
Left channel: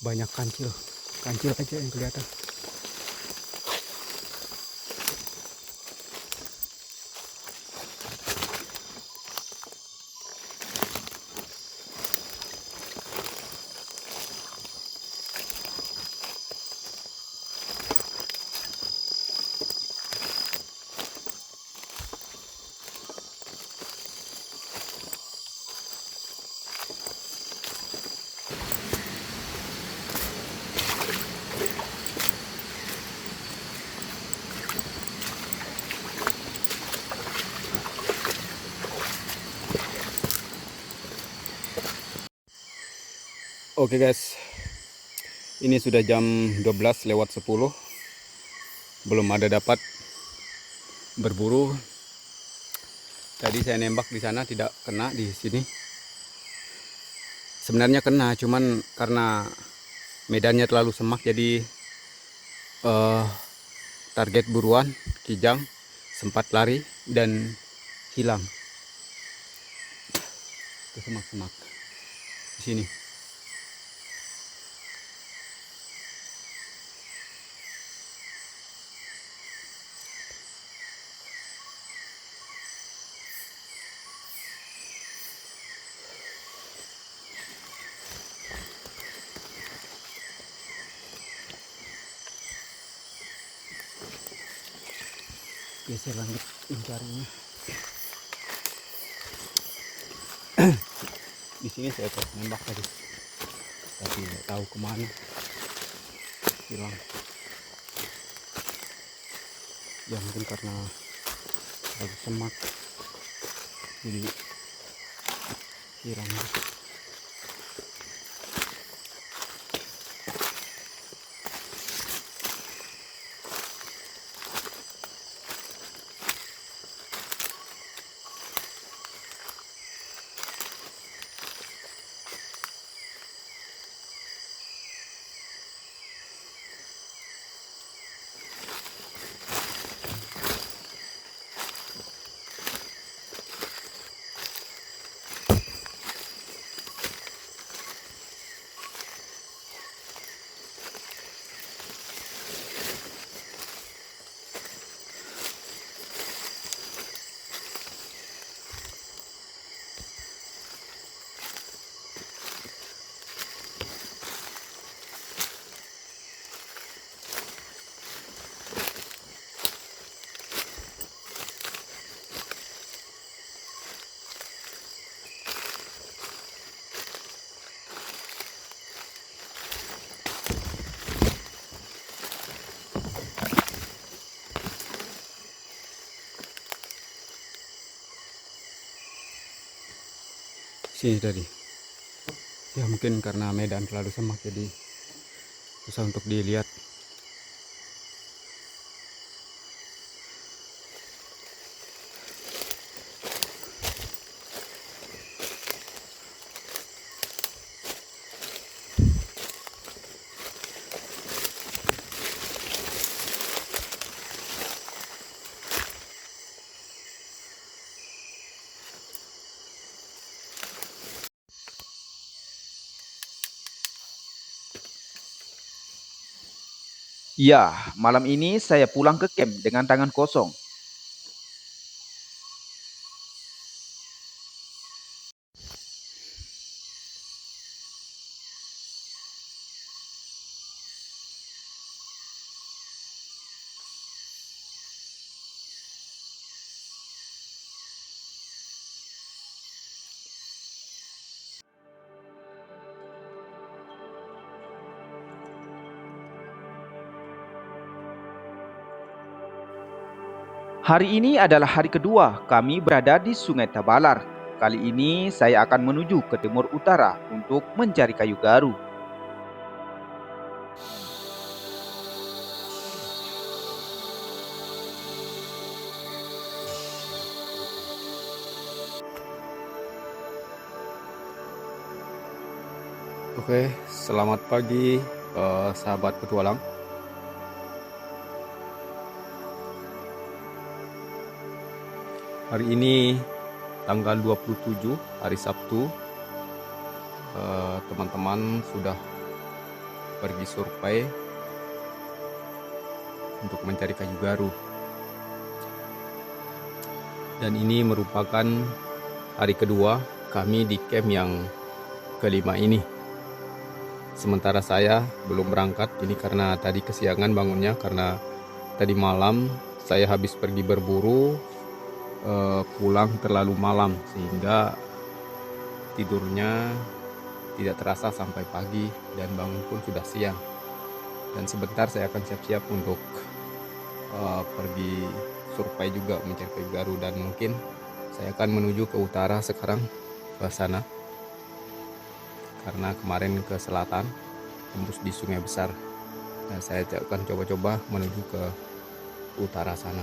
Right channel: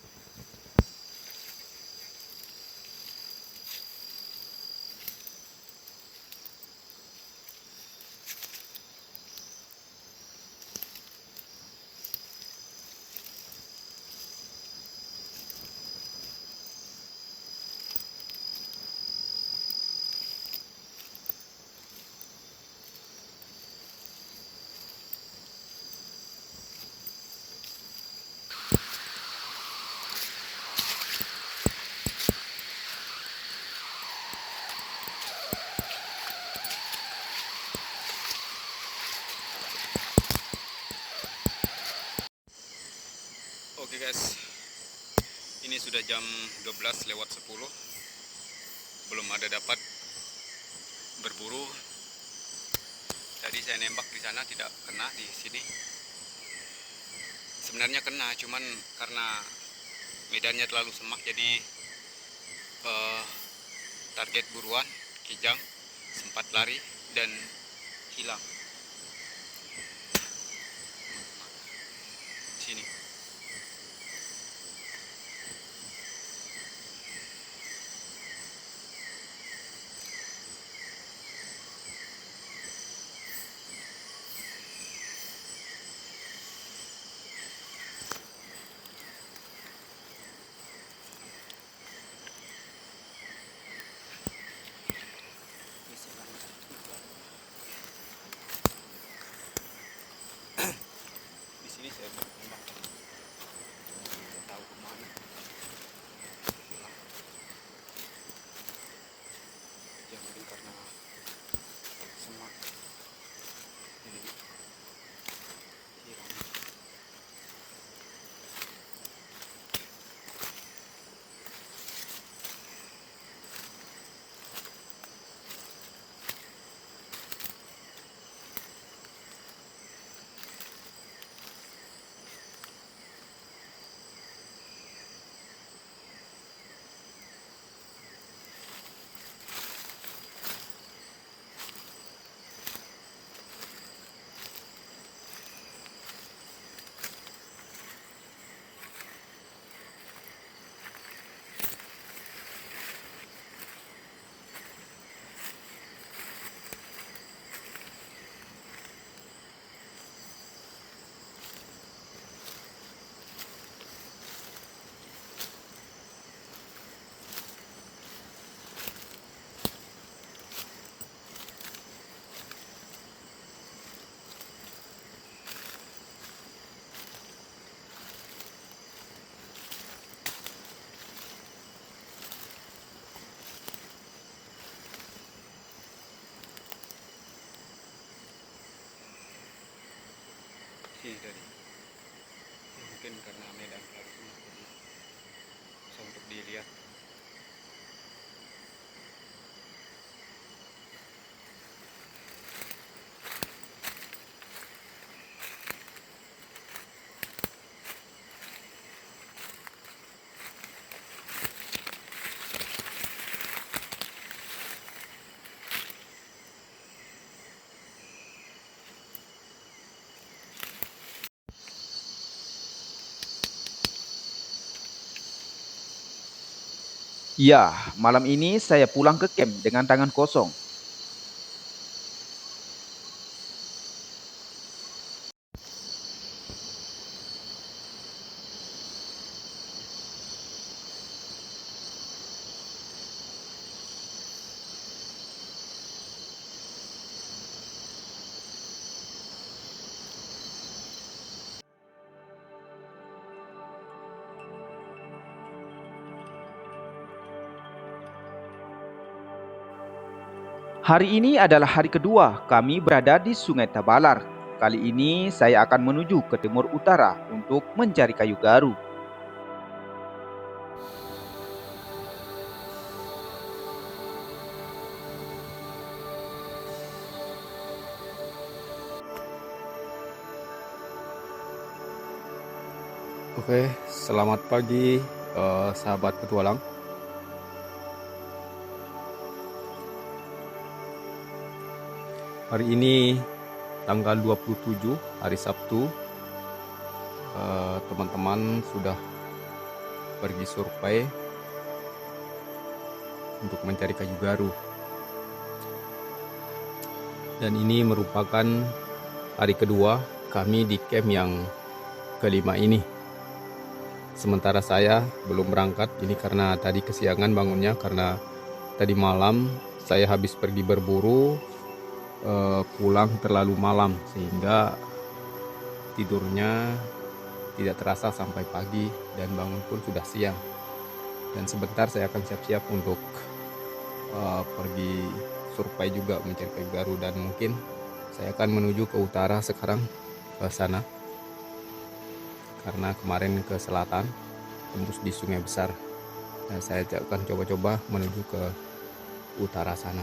banyak kancil aja yang kelihatan. Oke guys, ini sudah jam 12:10, belum ada dapat berburu. Tadi saya nembak di sana tidak kena, di sini sebenarnya kena, cuman karena medannya terlalu semak jadi target buruan kijang sempat lari dan hilang ke semak-semak di sini. Geser lanjut mencarinya. Di sini saya nembak tadi, tapi nggak tahu kemana hilang. Ya mungkin karena lagi semak jadi hilang. Sini tadi. Ya mungkin karena medan terlalu semak jadi susah untuk dilihat. Ya, malam ini saya pulang ke camp dengan tangan kosong. Hari ini adalah hari kedua kami berada di Sungai Tabalar. Kali ini saya akan menuju ke timur utara untuk mencari kayu garu. Oke, selamat pagi sahabat petualang. Hari ini tanggal 27 hari Sabtu. Teman-teman sudah pergi survei untuk mencari kayu garu. Dan ini merupakan hari kedua kami di camp yang kelima ini. Sementara saya belum berangkat, ini karena tadi kesiangan bangunnya, karena tadi malam saya habis pergi berburu, pulang terlalu malam sehingga tidurnya tidak terasa sampai pagi dan bangun pun sudah siang. Dan sebentar saya akan siap-siap untuk pergi survei juga mencari kayu garu, dan mungkin saya akan menuju ke utara sekarang, ke sana, karena kemarin ke selatan tembus di Sungai Besar, dan saya akan coba-coba menuju ke utara sana.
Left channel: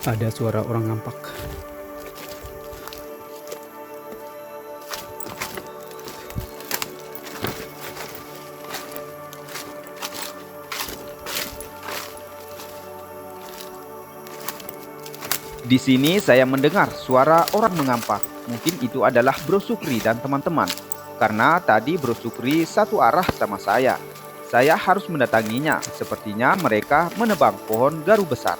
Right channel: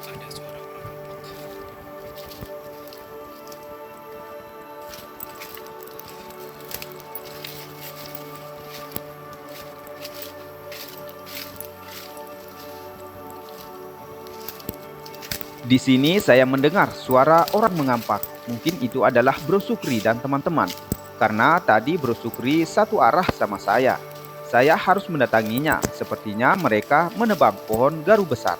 Ada suara orang ngampak. Di sini saya mendengar suara orang mengampak. Mungkin itu adalah Bro Sukri dan teman-teman. Karena tadi Bro Sukri satu arah sama saya. Saya harus mendatanginya. Sepertinya mereka menebang pohon garu besar.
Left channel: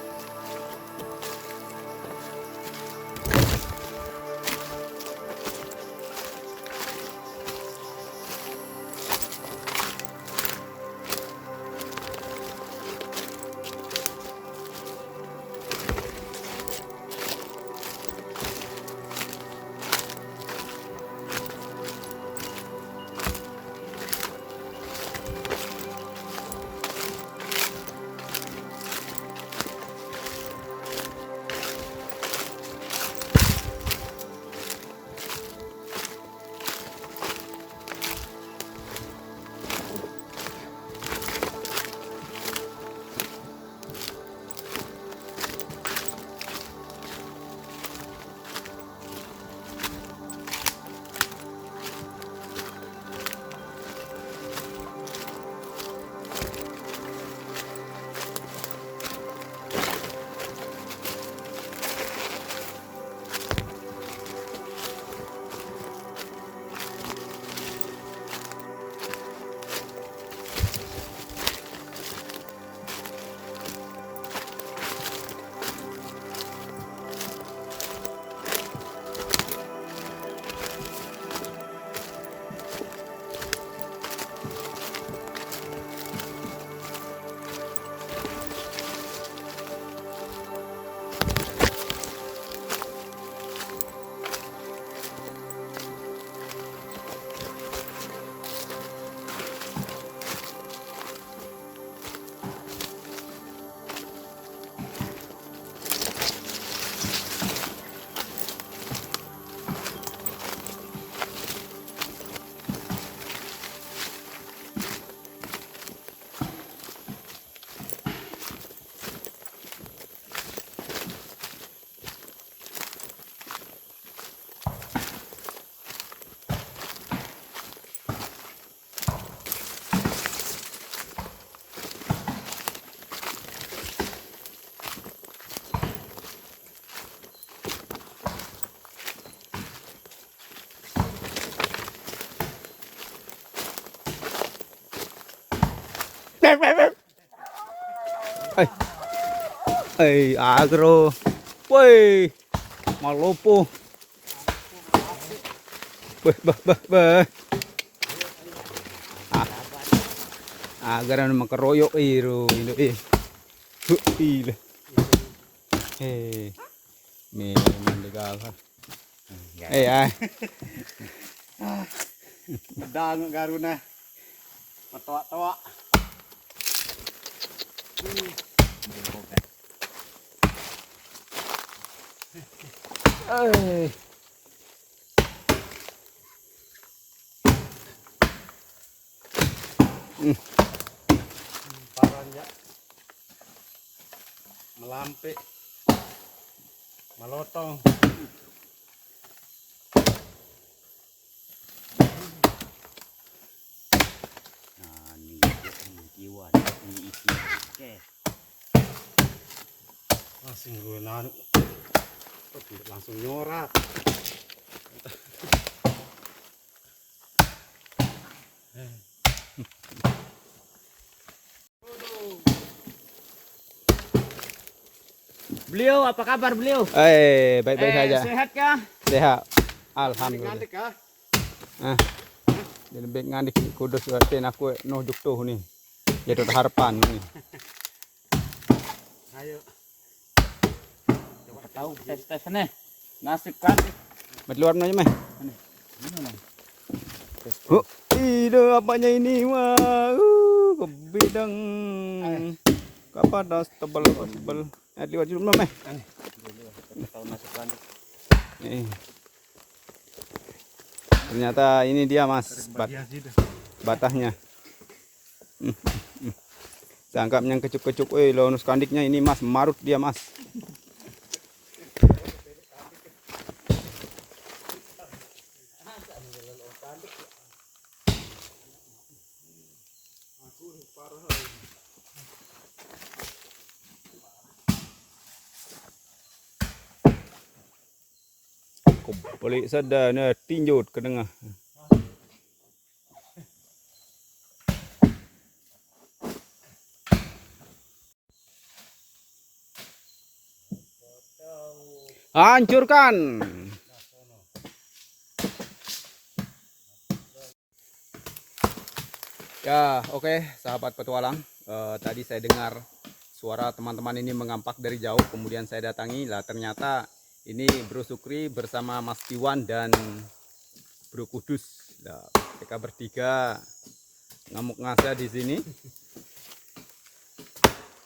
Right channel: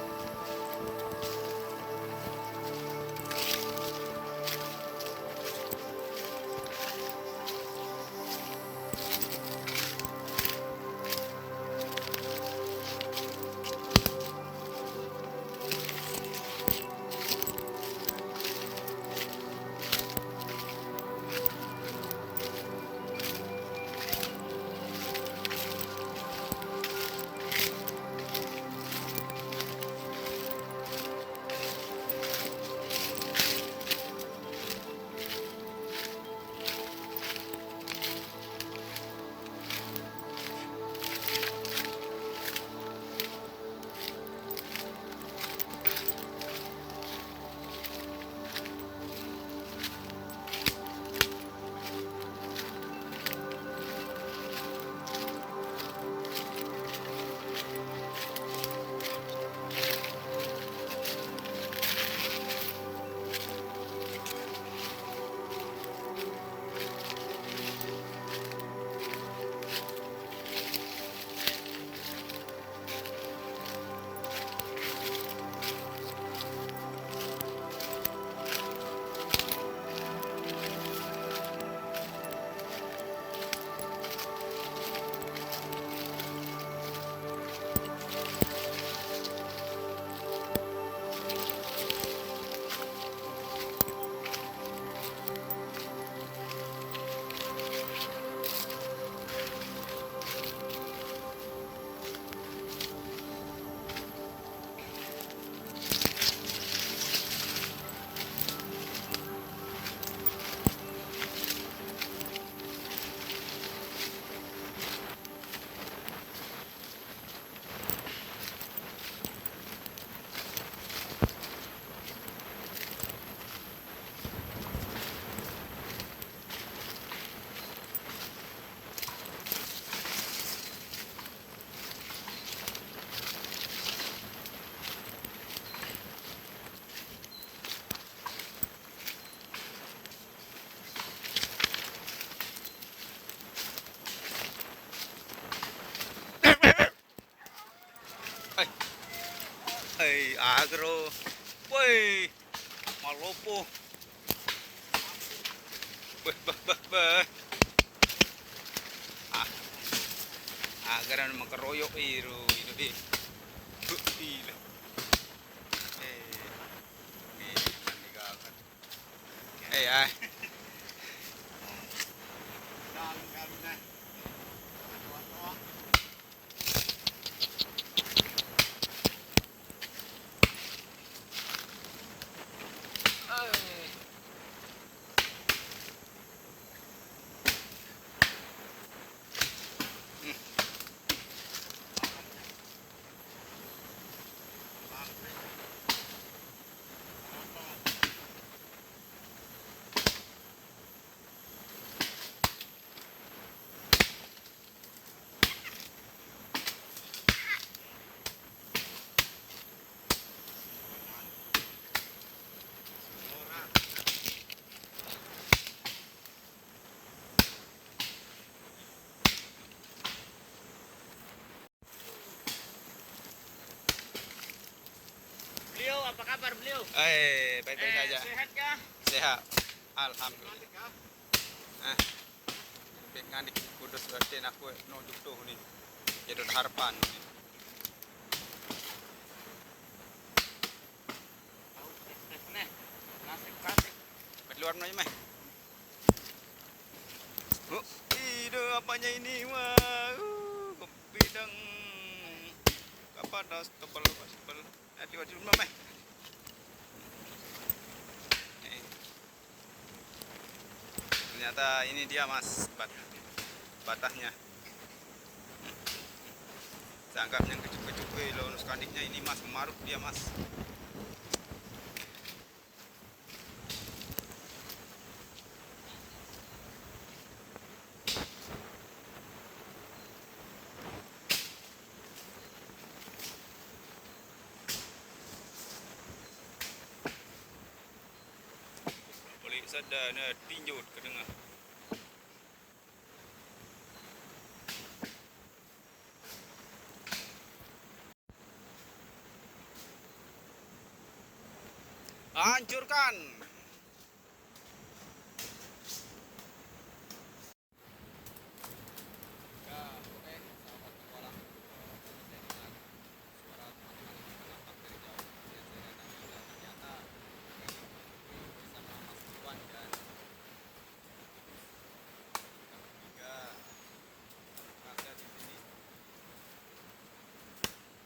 Agro. Woi, malopo. Bah. Agar naman keroyok ini iro. Memang digagal. Ay. Pedang garuna. Ketawa-tawa. Paranya melampe, malotong. Langsung gue langsung nyorat. Beliau apa kabar beliau? Baik-baik saja. Sehat kah? Sehat. Alhamdulillah. Ngantik kah? Jadi baik ngadik kudus waten aku nujuk tuh nih. Jadi harapan nih. Ayo. Coba tahu tes nih. Nasib klasik. Mat luar aja mah. Oh, ide apanya ini wah. Kebidang. Kapadas tebal. Liwat dulu mah. Tahu masukan. Nih. Ternyata ini dia mas batahnya. Sangkap yang kecup-kecup, lonus kandiknya ini mas marut dia mas. Balik sadar tinjut ke tengah. Hancurkan. Ya, oke, sahabat petualang. Tadi saya dengar suara teman-teman ini mengampak dari jauh, kemudian saya datangi. Lah ternyata ini Bro Sukri bersama Mas Piwan dan Bro Kudus. Nah, mereka bertiga ngamuk ngasa di sini.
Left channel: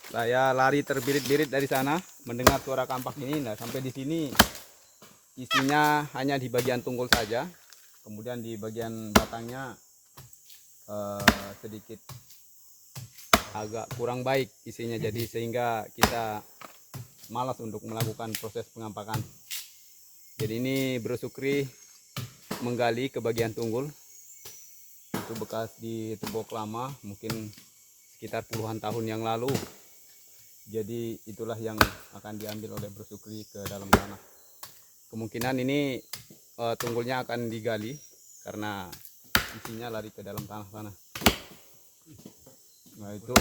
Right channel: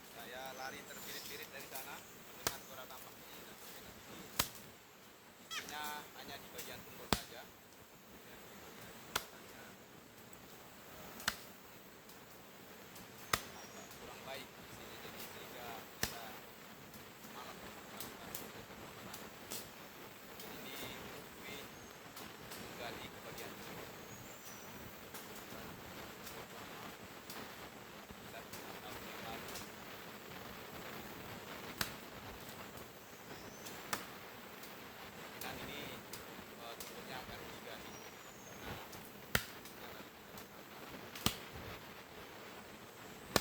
Saya lari terbirit-birit dari sana mendengar suara kampak ini. Nah, sampai di sini isinya hanya di bagian tunggul saja. Kemudian di bagian batangnya sedikit agak kurang baik isinya, jadi sehingga kita malas untuk melakukan proses pengampakan. Jadi ini Bro Sukri menggali ke bagian tunggul. Itu bekas di tembok lama, mungkin sekitar puluhan tahun yang lalu. Jadi itulah yang akan diambil oleh Bro Sukri ke dalam tanah. Kemungkinan ini tunggulnya akan digali karena isinya lari ke dalam tanah sana. Nah itu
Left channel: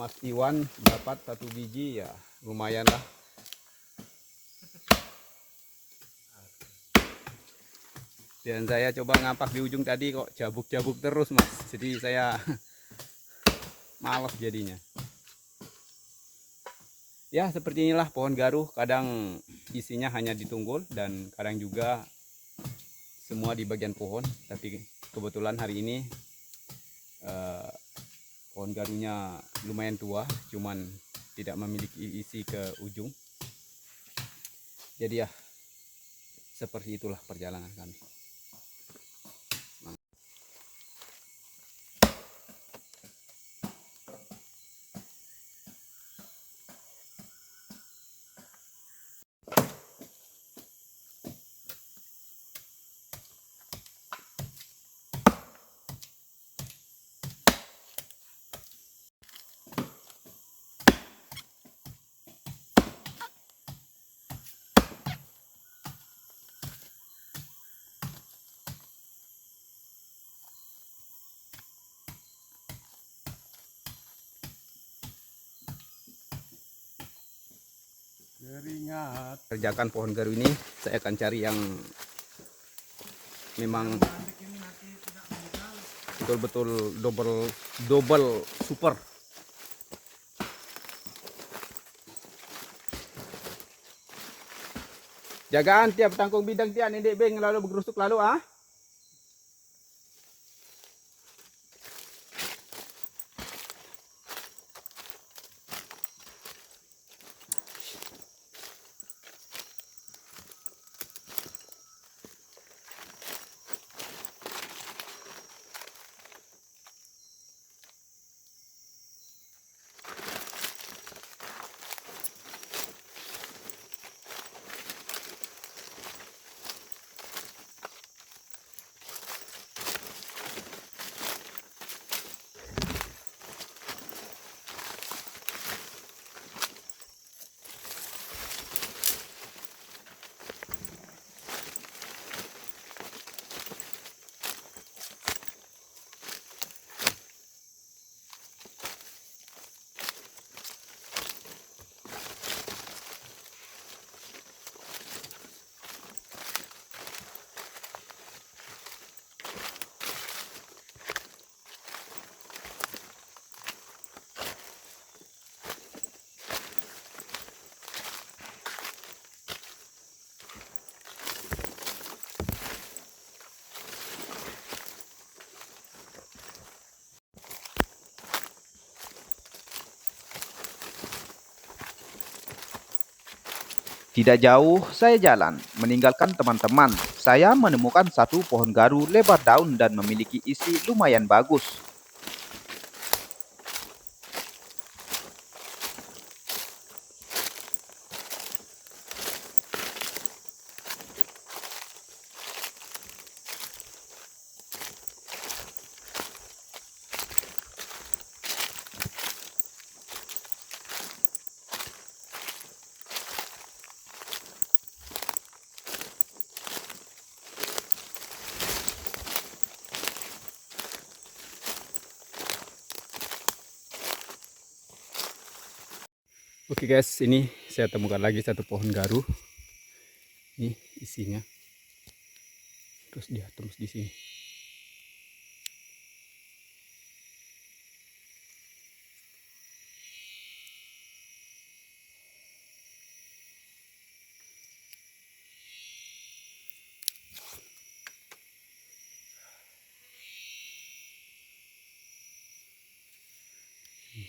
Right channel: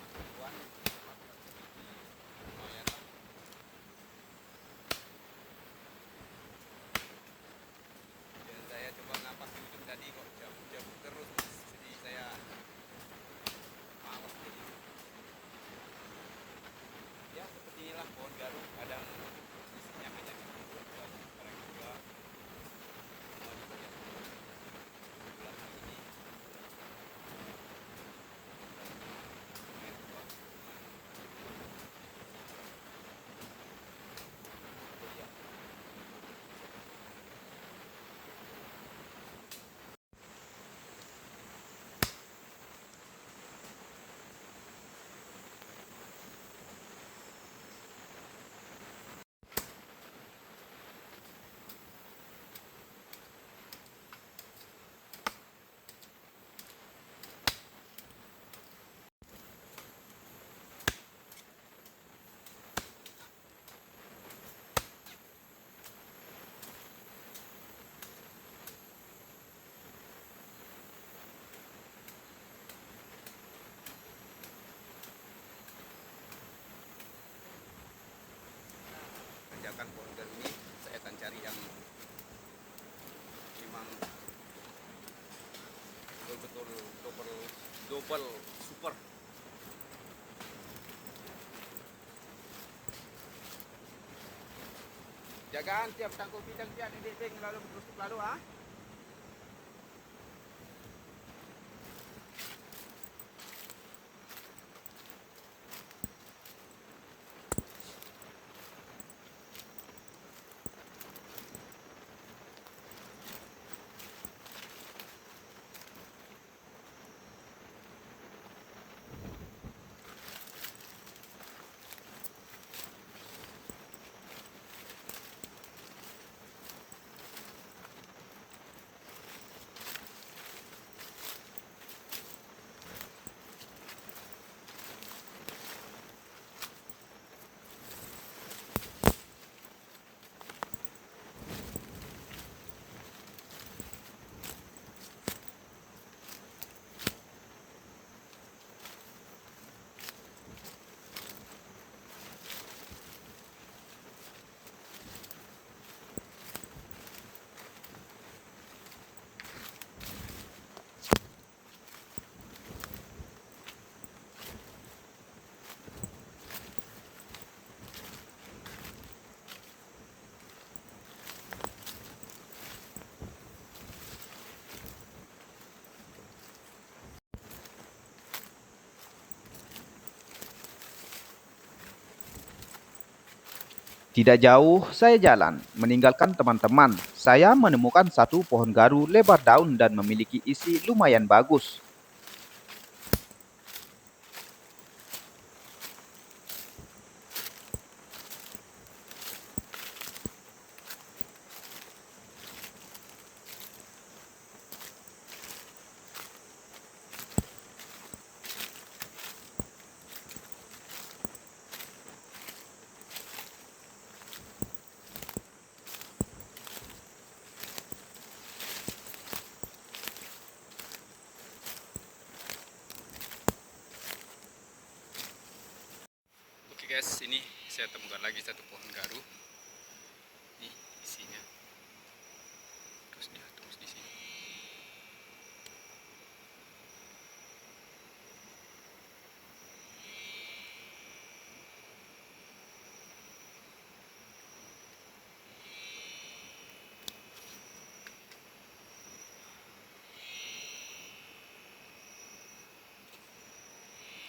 Mas Iwan dapat 1 biji, ya lumayan lah. Dan saya coba ngapak di ujung tadi kok jabuk-jabuk terus mas, jadi saya malas jadinya. Ya seperti inilah pohon garuh, kadang isinya hanya di tunggul dan kadang juga semua di bagian pohon. Tapi kebetulan hari ini pohon garuhnya lumayan tua, cuman tidak memiliki isi ke ujung. Jadi ya seperti itulah perjalanan kami. mengerjakan pohon garu ini, saya akan cari yang memang betul-betul double super. Jagaan tiap tangkung bidang tiap ini beng lalu bergerusuk lalu ah. Tidak jauh saya jalan, meninggalkan teman-teman. Saya menemukan satu pohon garu lebar daun dan memiliki isi lumayan bagus. Oke guys, ini saya temukan lagi satu pohon garu. Ini isinya. Terus dia tembus di sini.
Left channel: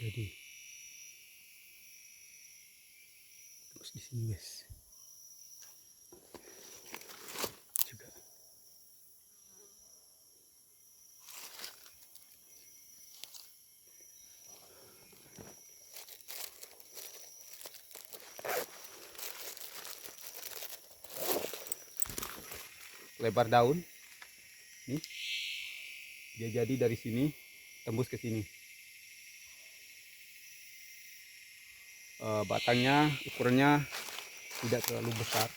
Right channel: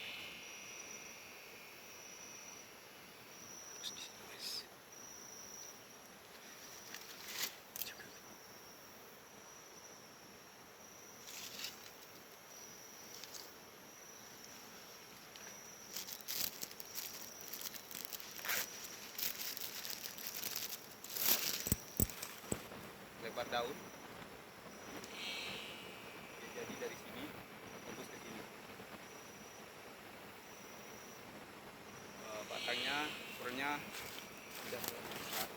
Jadi terus di sini guys. Juga. Lebar daun. Nih. Dia jadi dari sini tembus ke sini. Batangnya ukurannya tidak terlalu besar,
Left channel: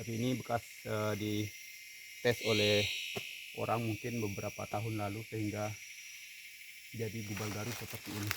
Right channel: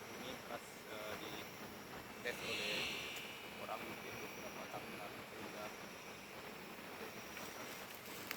tapi ini bekas dites oleh orang mungkin beberapa tahun lalu sehingga jadi bubal garu seperti ini.